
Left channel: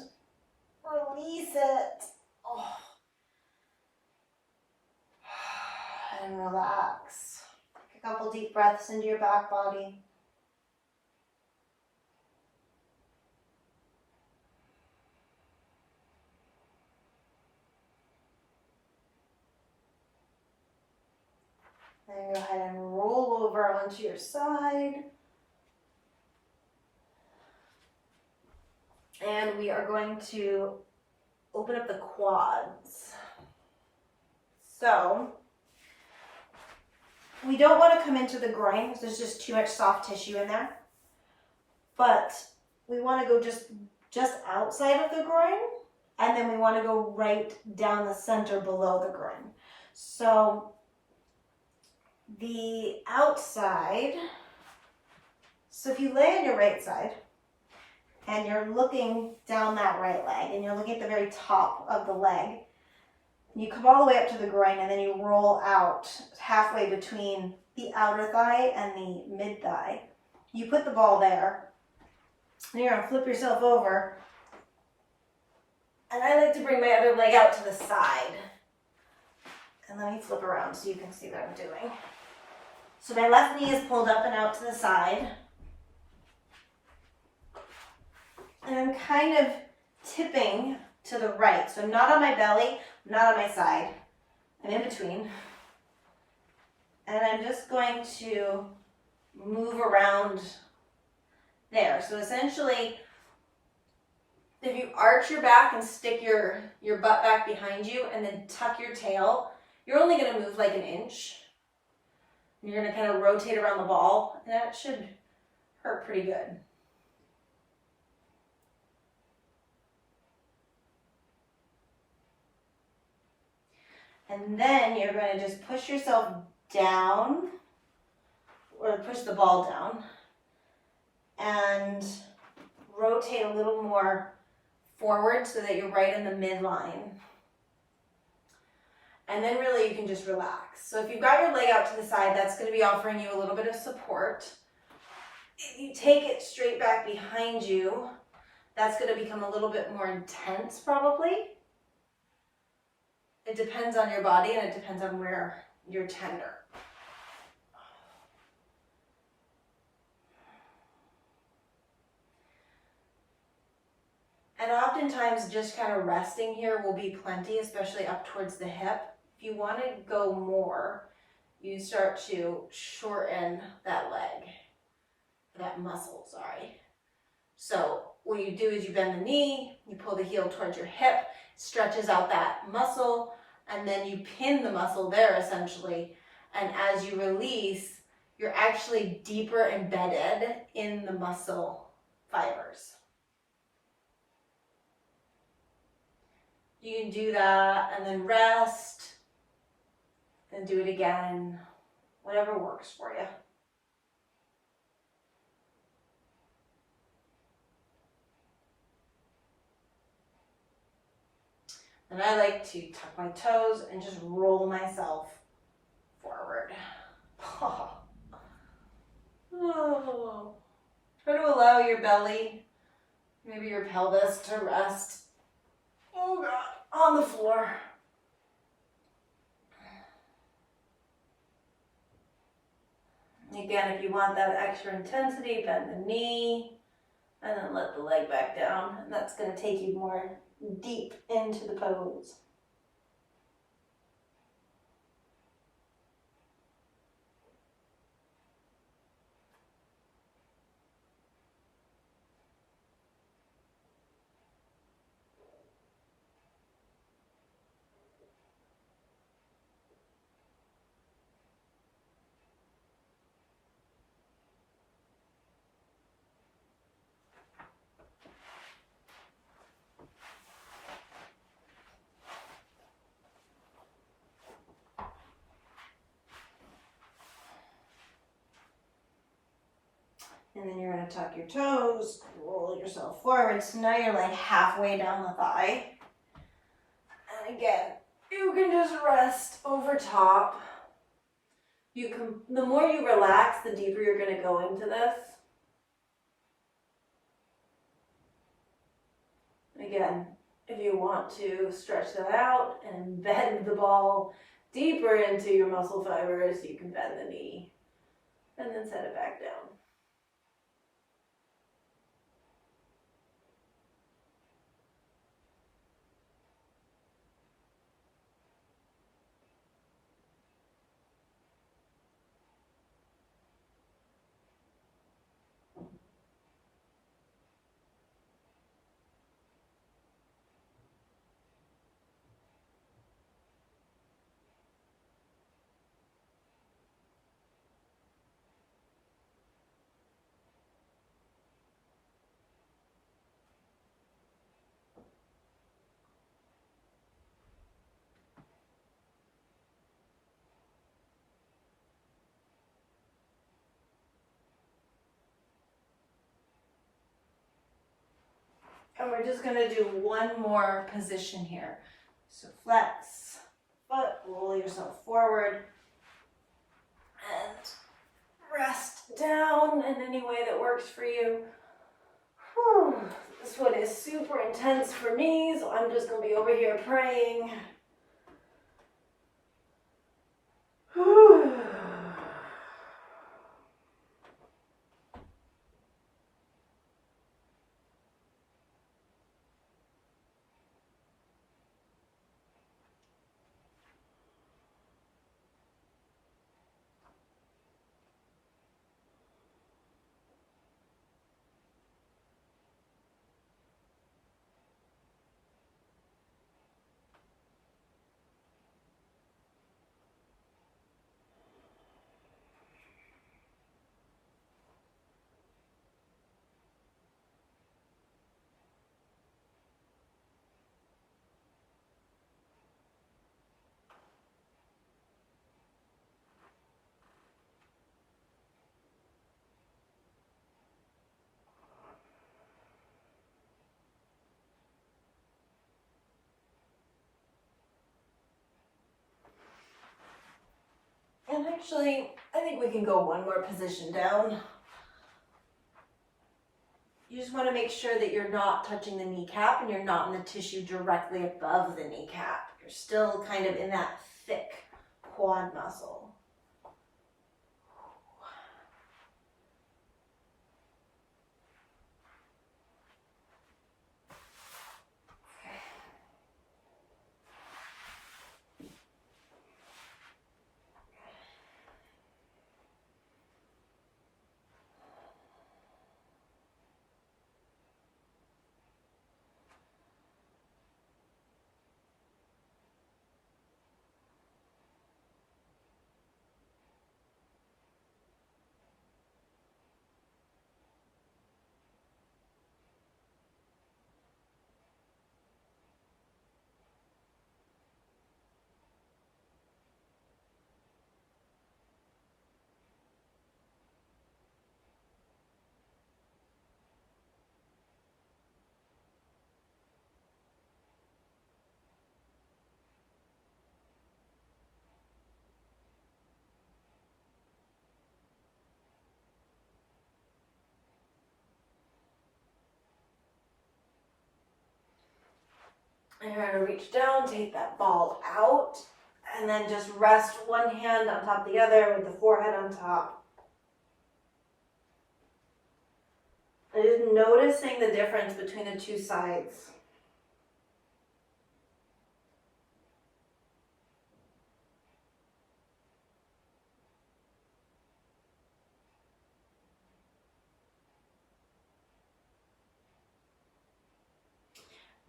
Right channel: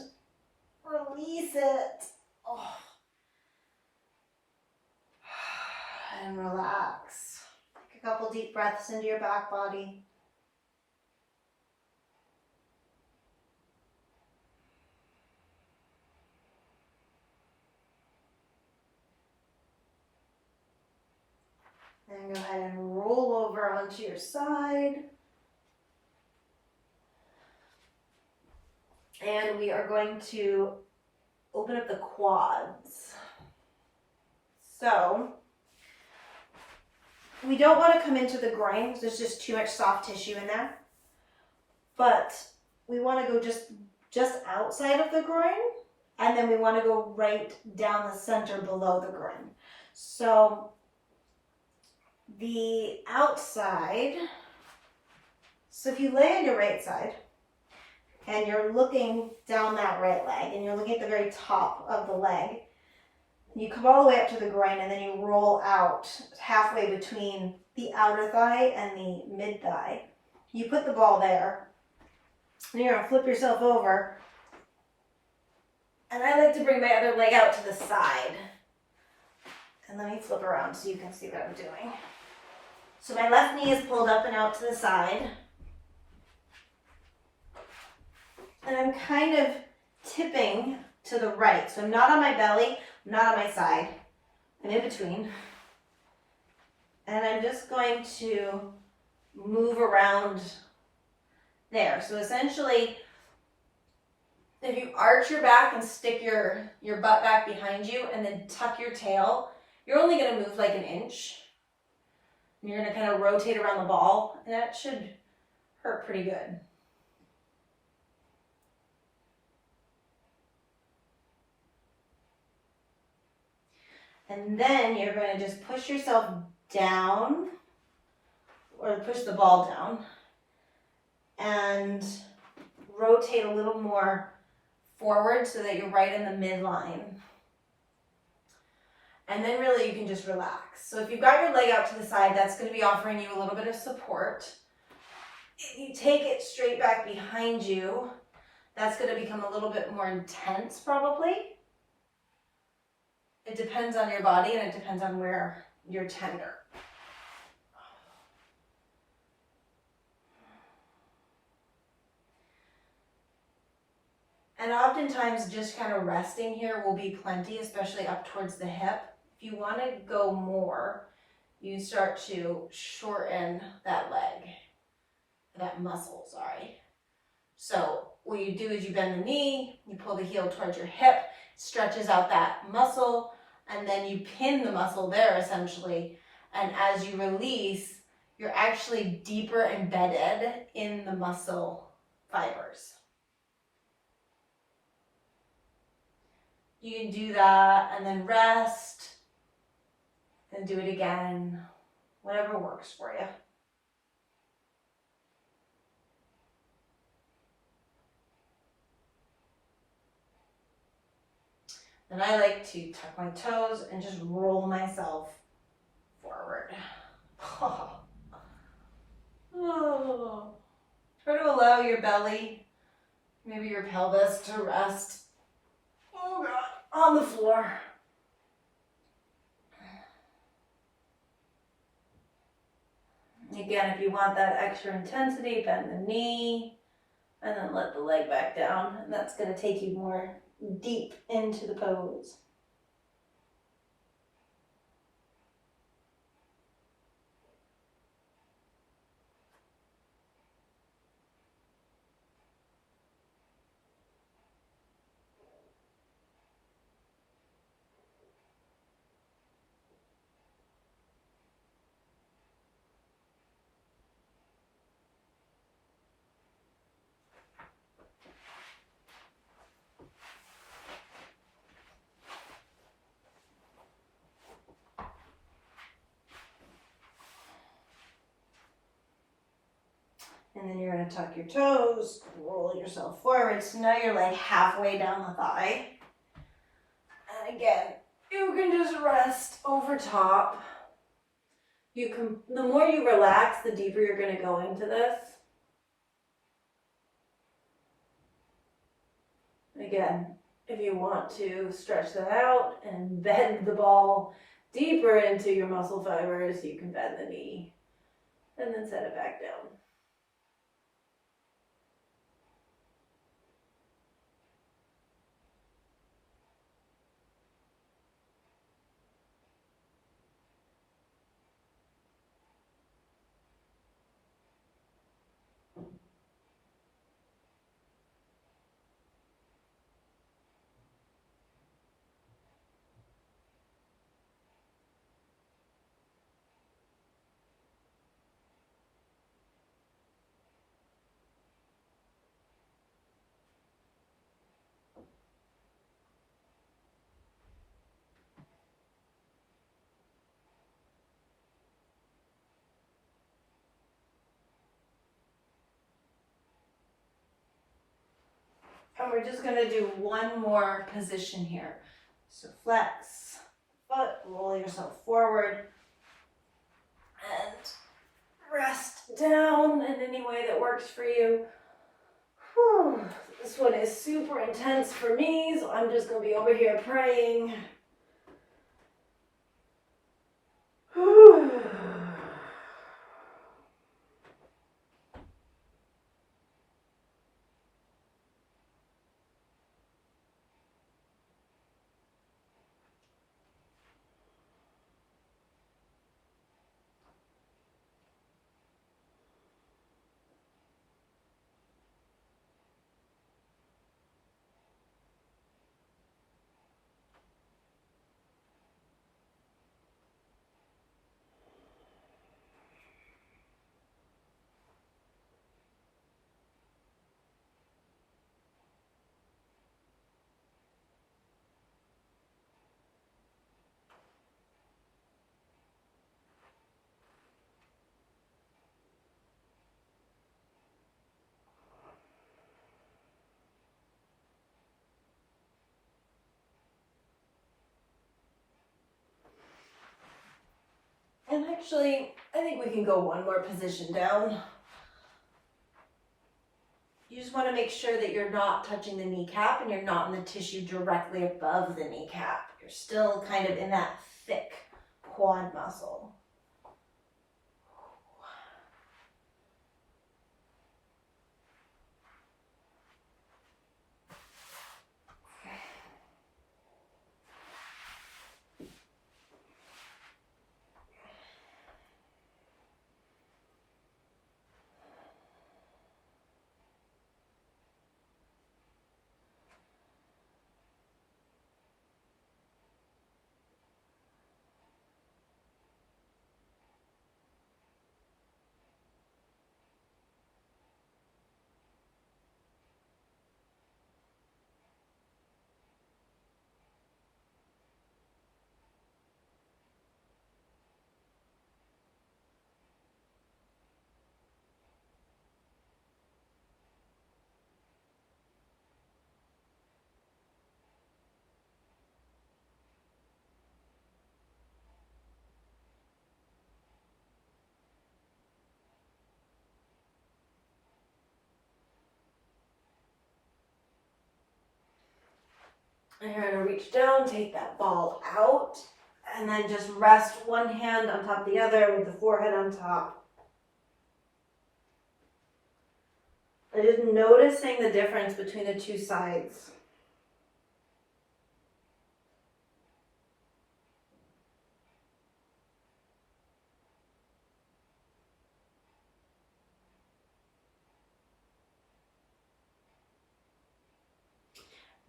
release it, oh. And relax. Take a couple deep breaths into your back body. And go ahead and roll over onto your side. And we are going to open up the quads. So, we don't want to come into the groin because there's just too much soft tissue in there. But we want to go just outside of the groin, and then we want to go right down the center below the groin. So, the outside, so if you lay on your right side, and you're looking down that right leg, and you're looking at the very top of the leg, you come all the way up to the groin, and then you roll out halfway between the outer thigh and the mid thigh. You put the ball there, and you're going to flip yourself over, and I like to bring my other leg out to the side. And let me flip around so you can see what I'm doing. So my left knee is pulled up and out to the side. And I'm kind of tipping to the right. So I'm not on my belly, I'm not on my side. I'm in between. And I'm just going to move around there. So essentially, if you arch your back and stick your butt back behind you and then tuck your tail, you're only going to move like an inch. And you're going to kind of rotate around the ball, and that should hurt pretty good. And then you're going to just push yourself down, or push the ball down, and rotate a little more forward so that you're right in the midline. And then really you can just relax. So if you've got your leg out to the side, that's going to be offering you a little bit of support. If you take it straight back behind you, that's going to become a little bit more intense probably. It depends on your body and it depends on where you're tender. And oftentimes just kind of resting here will be plenty, especially up towards the hip. If you want to go more, you start to shorten that leg, that muscle, sorry. So what you do is you bend the knee, you pull the heel towards your hip, stretches out that muscle, and then you pin the muscle there essentially. And as you release, you're actually deeper embedded in the muscle fibers. You can do that and then rest, then do it again, whatever works for you. And I like to tuck my toes and just roll myself forward. Oh. Oh. Try to allow your belly, maybe your pelvis to rest. Oh God, on the floor. Again, if you want that extra intensity, bend the knee and then let the leg back down. And that's going to take you more deep into the pose. And then you're going to tuck your toes, roll yourself forward. So now you're like halfway down the thigh. And again, you can just rest over top. The more you relax, the deeper you're going to go into this. Again, if you want to stretch that out and bend the ball deeper into your muscle fibers, you can bend the knee and then set it back down. And we're just going to do one more position here. So flex foot, roll yourself forward, and rest down in any way that works for you. Whew. This one is super intense for me, so I'm just going to be over here praying. Whew. And actually, I think we can go one more position down. You just want to make sure that you're not touching the kneecap and you're not in the tissue directly above the kneecap. You're still kind of in that thick quad muscle. And you're going to reach down, take that ball out, and then just rest one hand on top of the other with the forehead on top. And just noticing the difference between the two sides.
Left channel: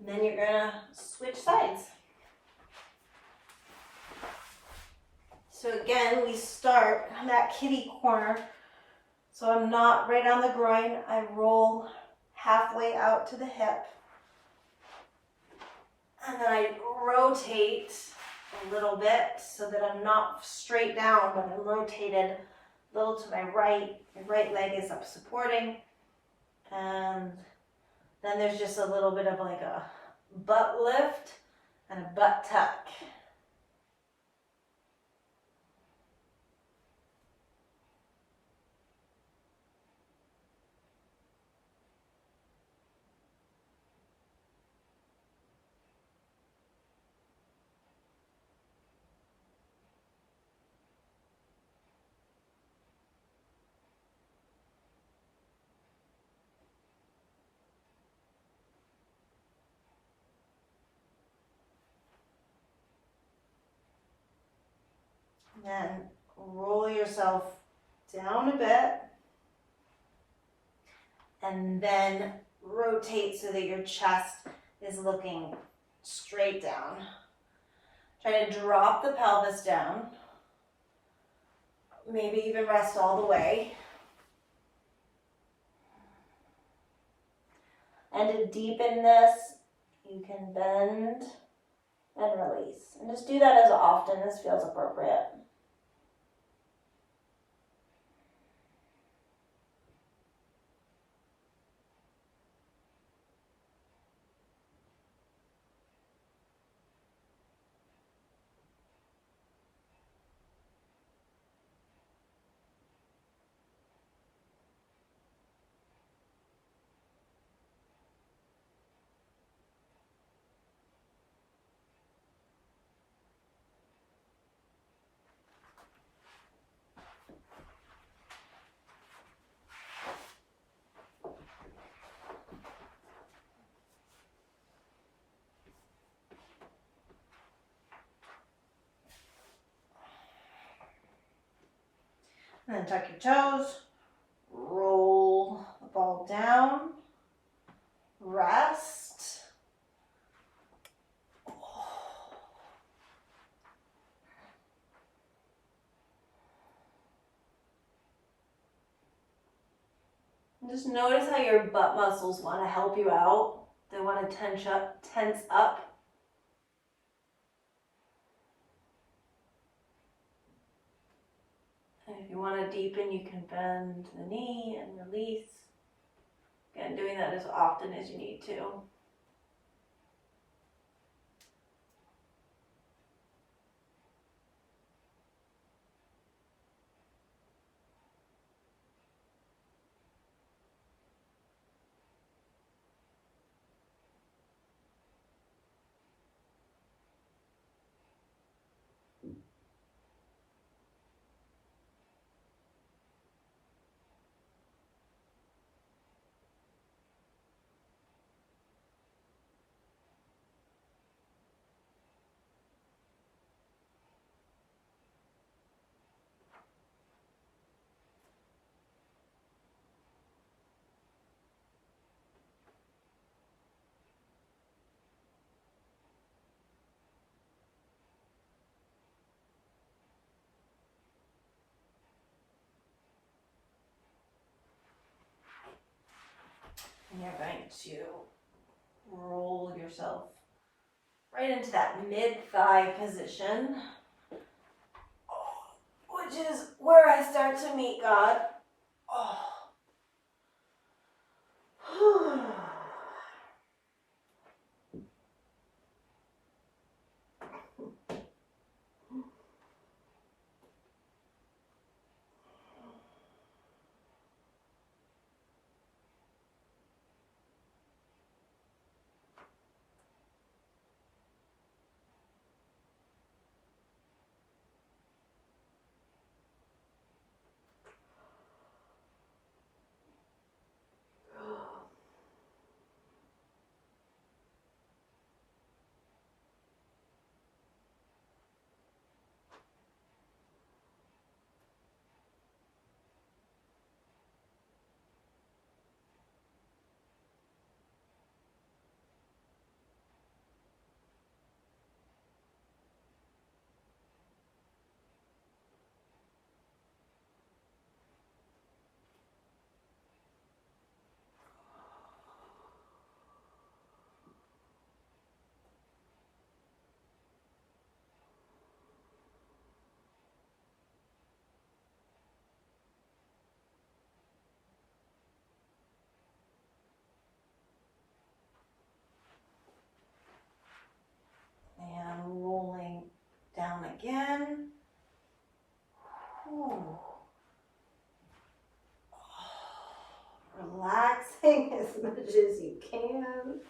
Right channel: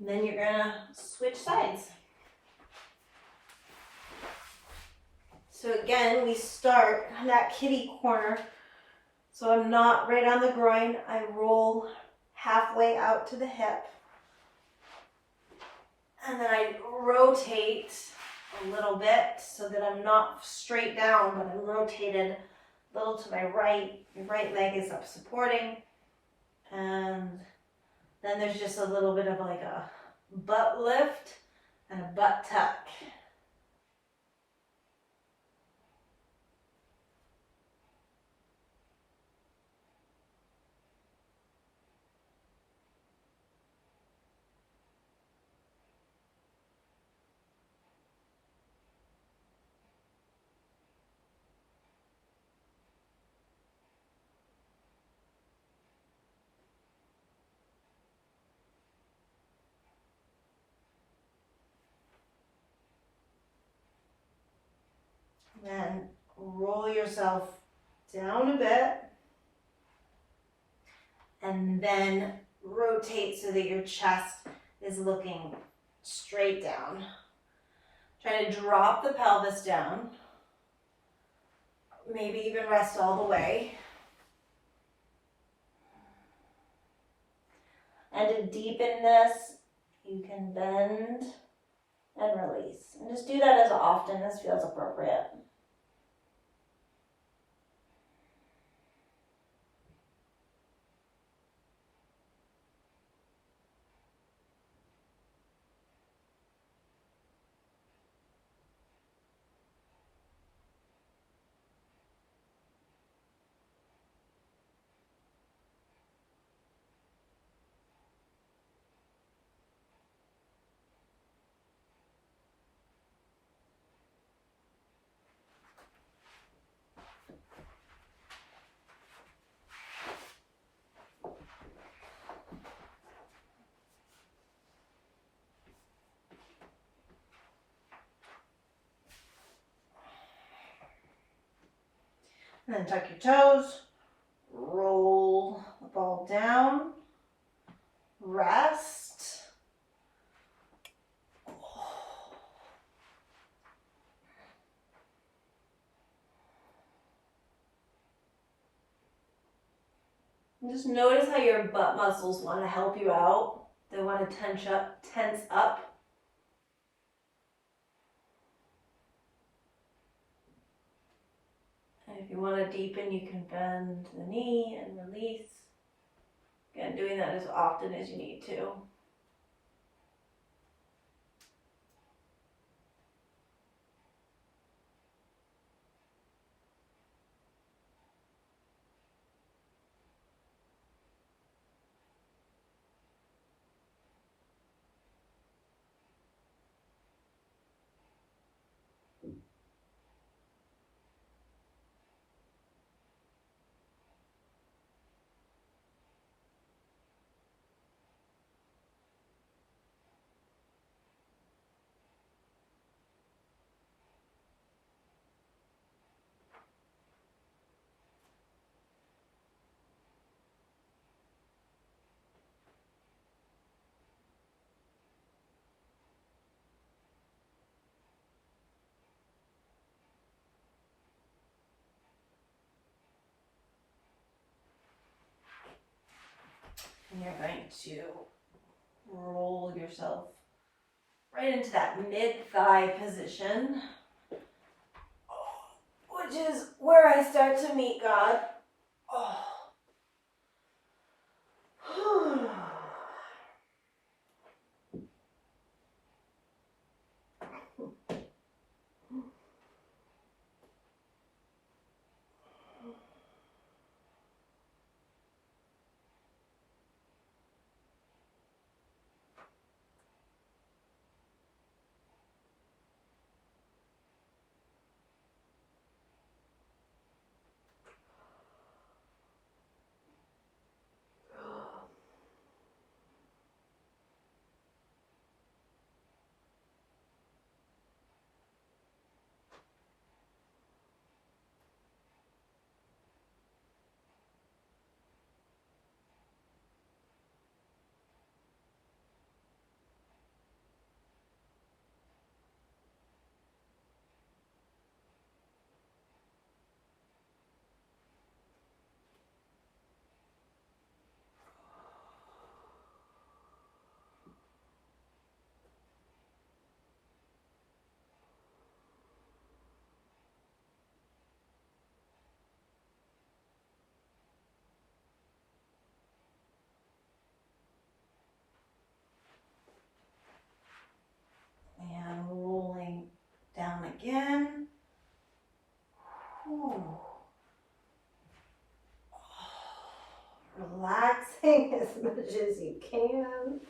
And then you're gonna switch sides. So again, we start on that kitty corner. So I'm not right on the groin. I roll halfway out to the hip. And then I rotate a little bit so that I'm not straight down, but I'm rotated a little to my right. My right leg is up supporting. And then there's just a little bit of like a butt lift and a butt tuck. Then roll yourself down a bit and then rotate so that your chest is looking straight down. Try to drop the pelvis down. Maybe even rest all the way. And to deepen this, you can bend and release. And just do that as often as feels appropriate. And then tuck your toes, roll the ball down, rest. And just notice how your butt muscles want to help you out. They want to tense up. And if you want to deepen, you can bend the knee and release. Again, doing that as often as you need to. you're going to roll yourself right into that mid-thigh position, which is where I start to meet God. Oh. And rolling down again. Whew. Relaxing as much as you can.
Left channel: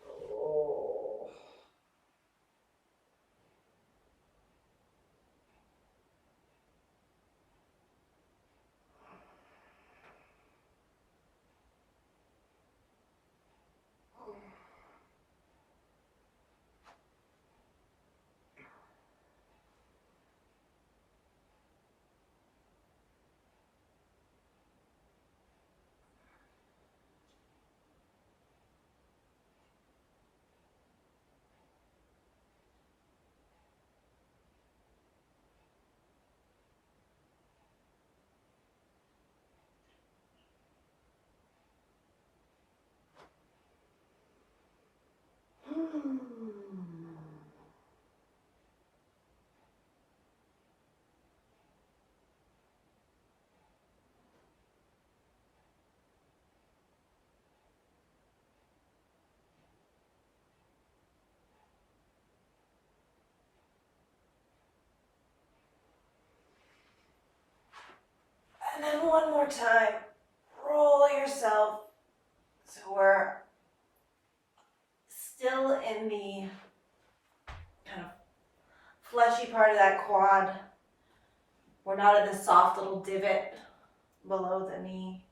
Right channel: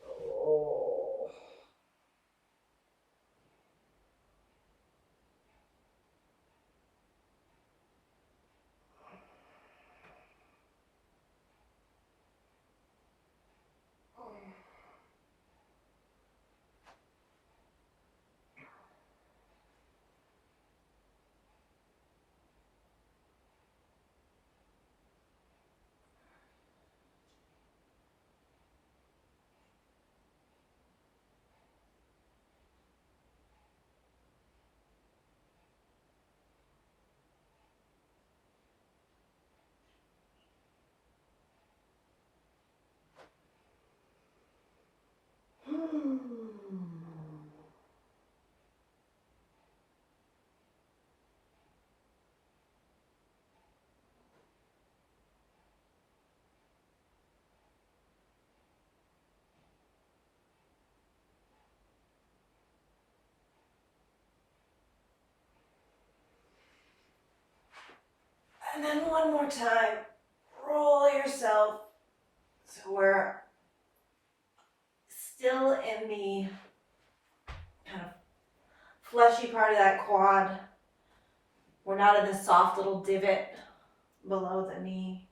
Oh. And then one more time, roll yourself so we're still in the kind of fleshy part of that quad. We're not in the soft little divot below the knee.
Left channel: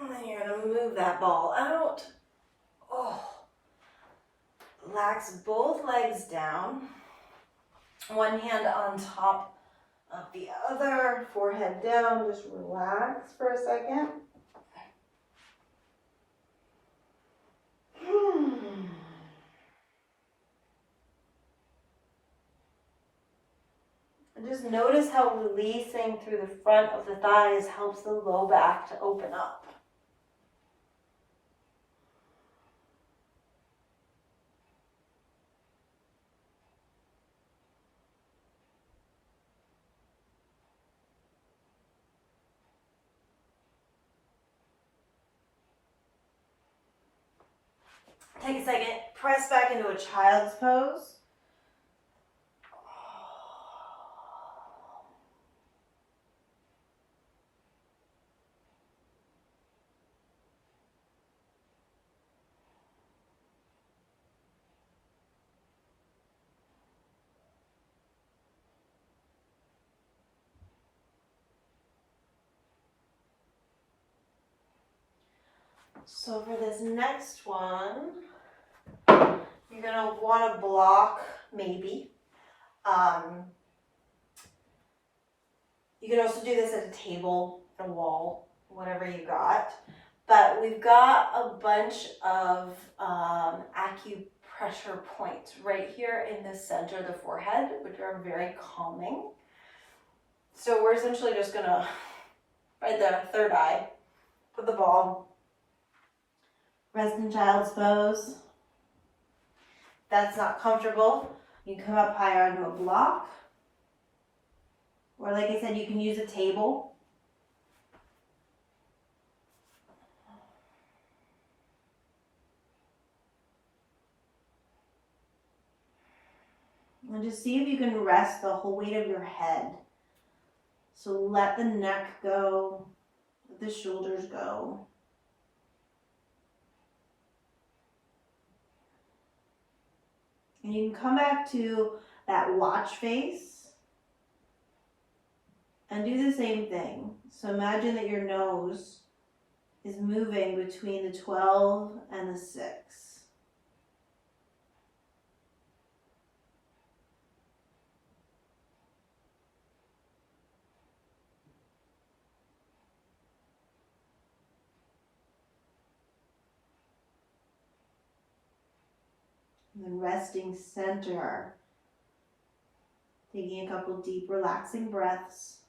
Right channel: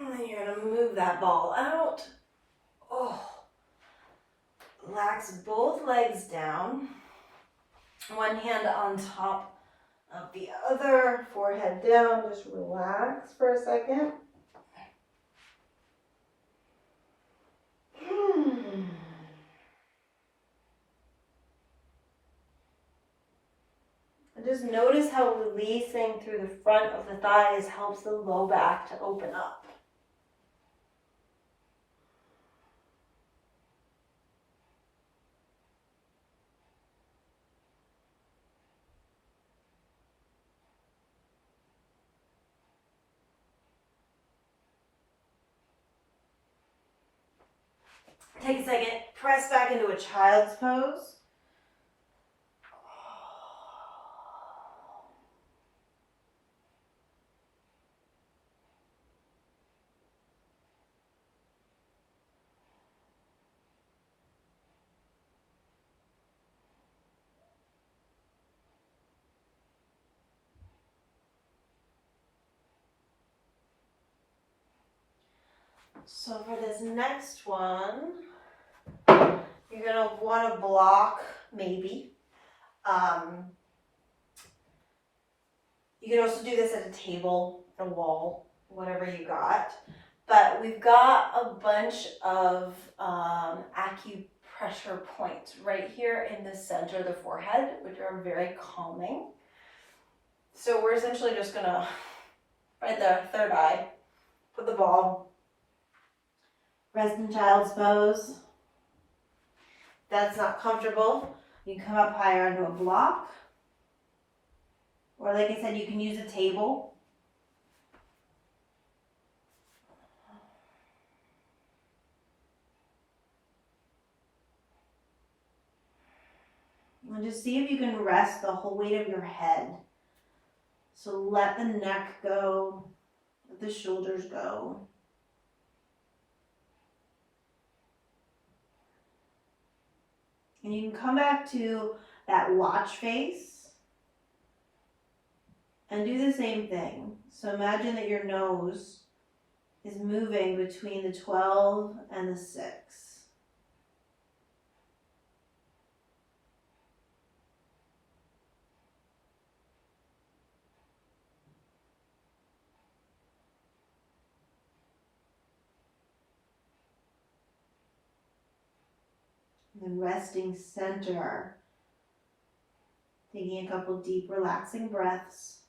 And then you're going to move that ball out. Oh. Relax both legs down. One hand on top of the other, forehead down. Just relax for a second. And just notice how releasing through the front of the thighs helps the low back to open up. Take a second, press back into a child's pose. So for this next one, you're going to want to block, maybe. You can also do this at a table, a wall, whatever you got. But we've got a bunch of acupressure points right here in the center of the forehead, which are very calming. So we're essentially just going to, right there, third eye, put the ball, rest in child's pose. If that's not comfortable, you can come up higher onto a block. Or like I said, you can use a table. And just see if you can rest the whole weight of your head. So let the neck go, let the shoulders go. And you can come back to that watch face and do the same thing. So imagine that your nose is moving between the 12 and the 6. And then resting center. Taking a couple deep relaxing breaths.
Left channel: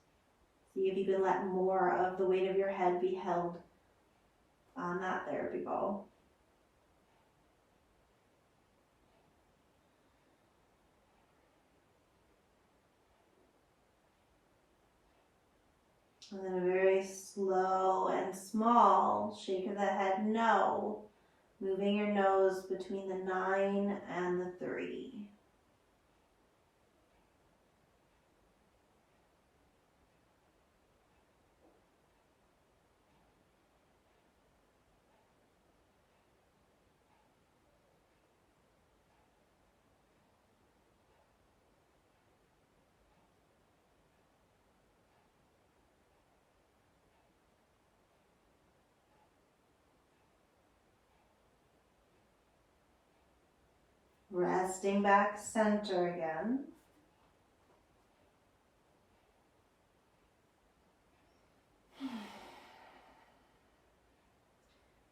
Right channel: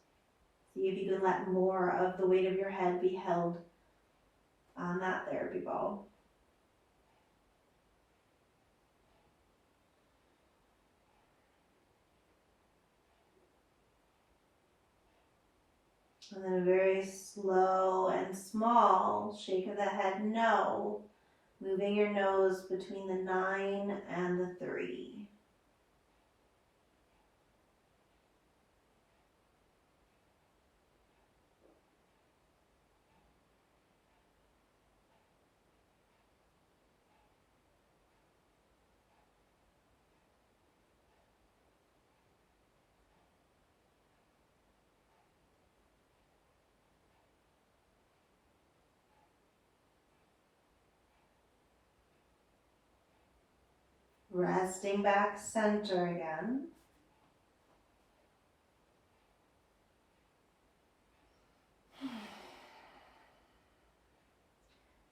See if you can let more of the weight of your head be held on that therapy ball. And then a very slow and small shake of the head, no. Moving your nose between the 9 and the 3. Resting back center again.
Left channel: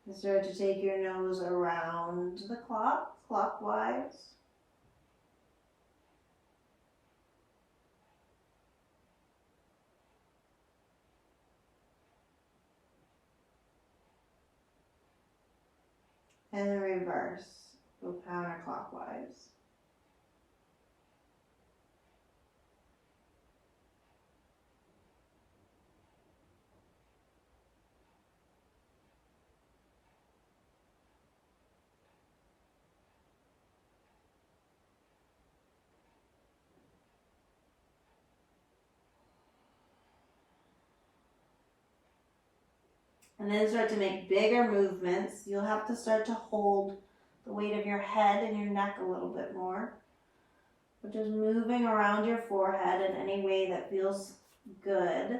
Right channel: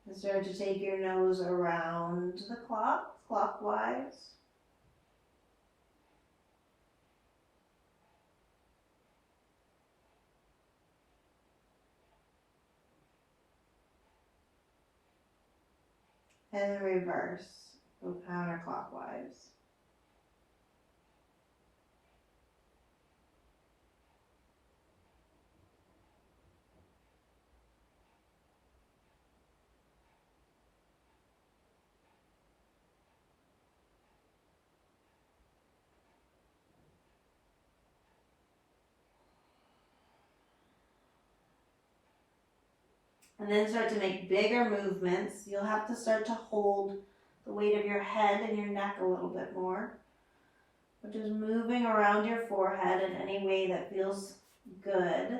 And start to take your nose around the clock, clockwise. And then reverse, go counterclockwise. And then start to make bigger movements. You'll have to start to hold the weight of your head and your neck a little bit more. But just moving around your forehead in any way that feels good.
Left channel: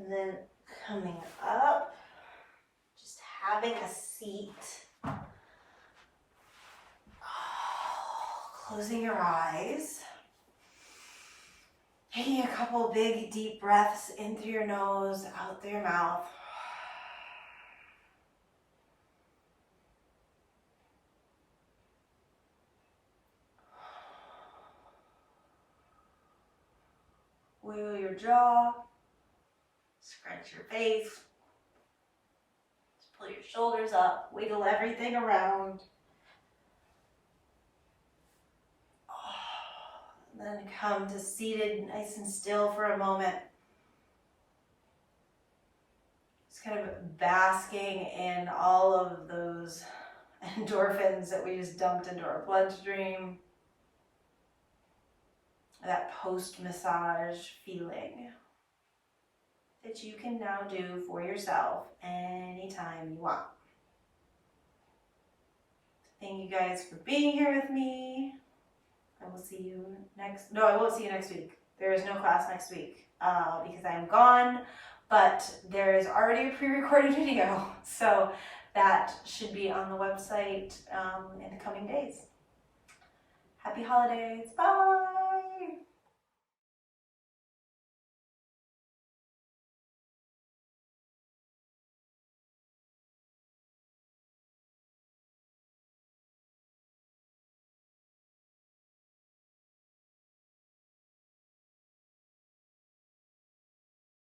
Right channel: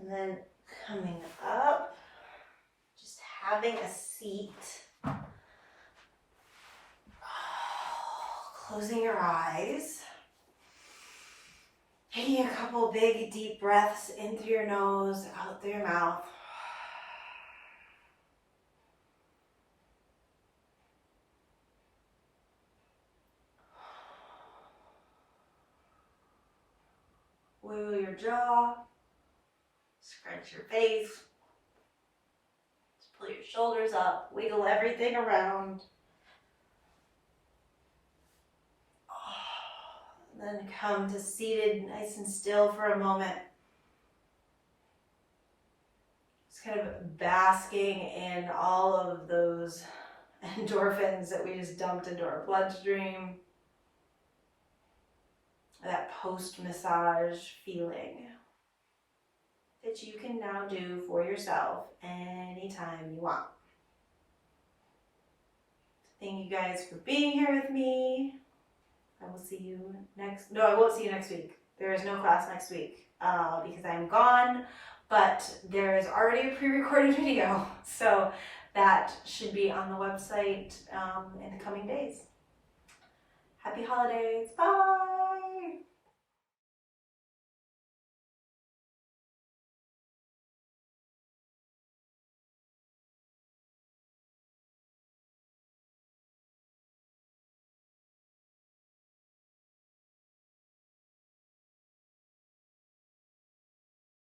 And then coming up, just having a seat. Closing your eyes. Taking a couple big deep breaths in through your nose, out through your mouth. Wiggle your jaw. Scrunch your face. Just pull your shoulders up. Wiggle everything around. Then come to seated nice and still for a moment. Just kind of basking in all of those endorphins that we just dumped into our bloodstream. That post-massage feeling that you can now do for yourself anytime you want. Thank you guys for being here with me. I will see you I won't see you next week. There is no class next week because I'm gone, but there is already a pre-recorded video. So that should be on the website in the coming days. Happy holidays. Bye.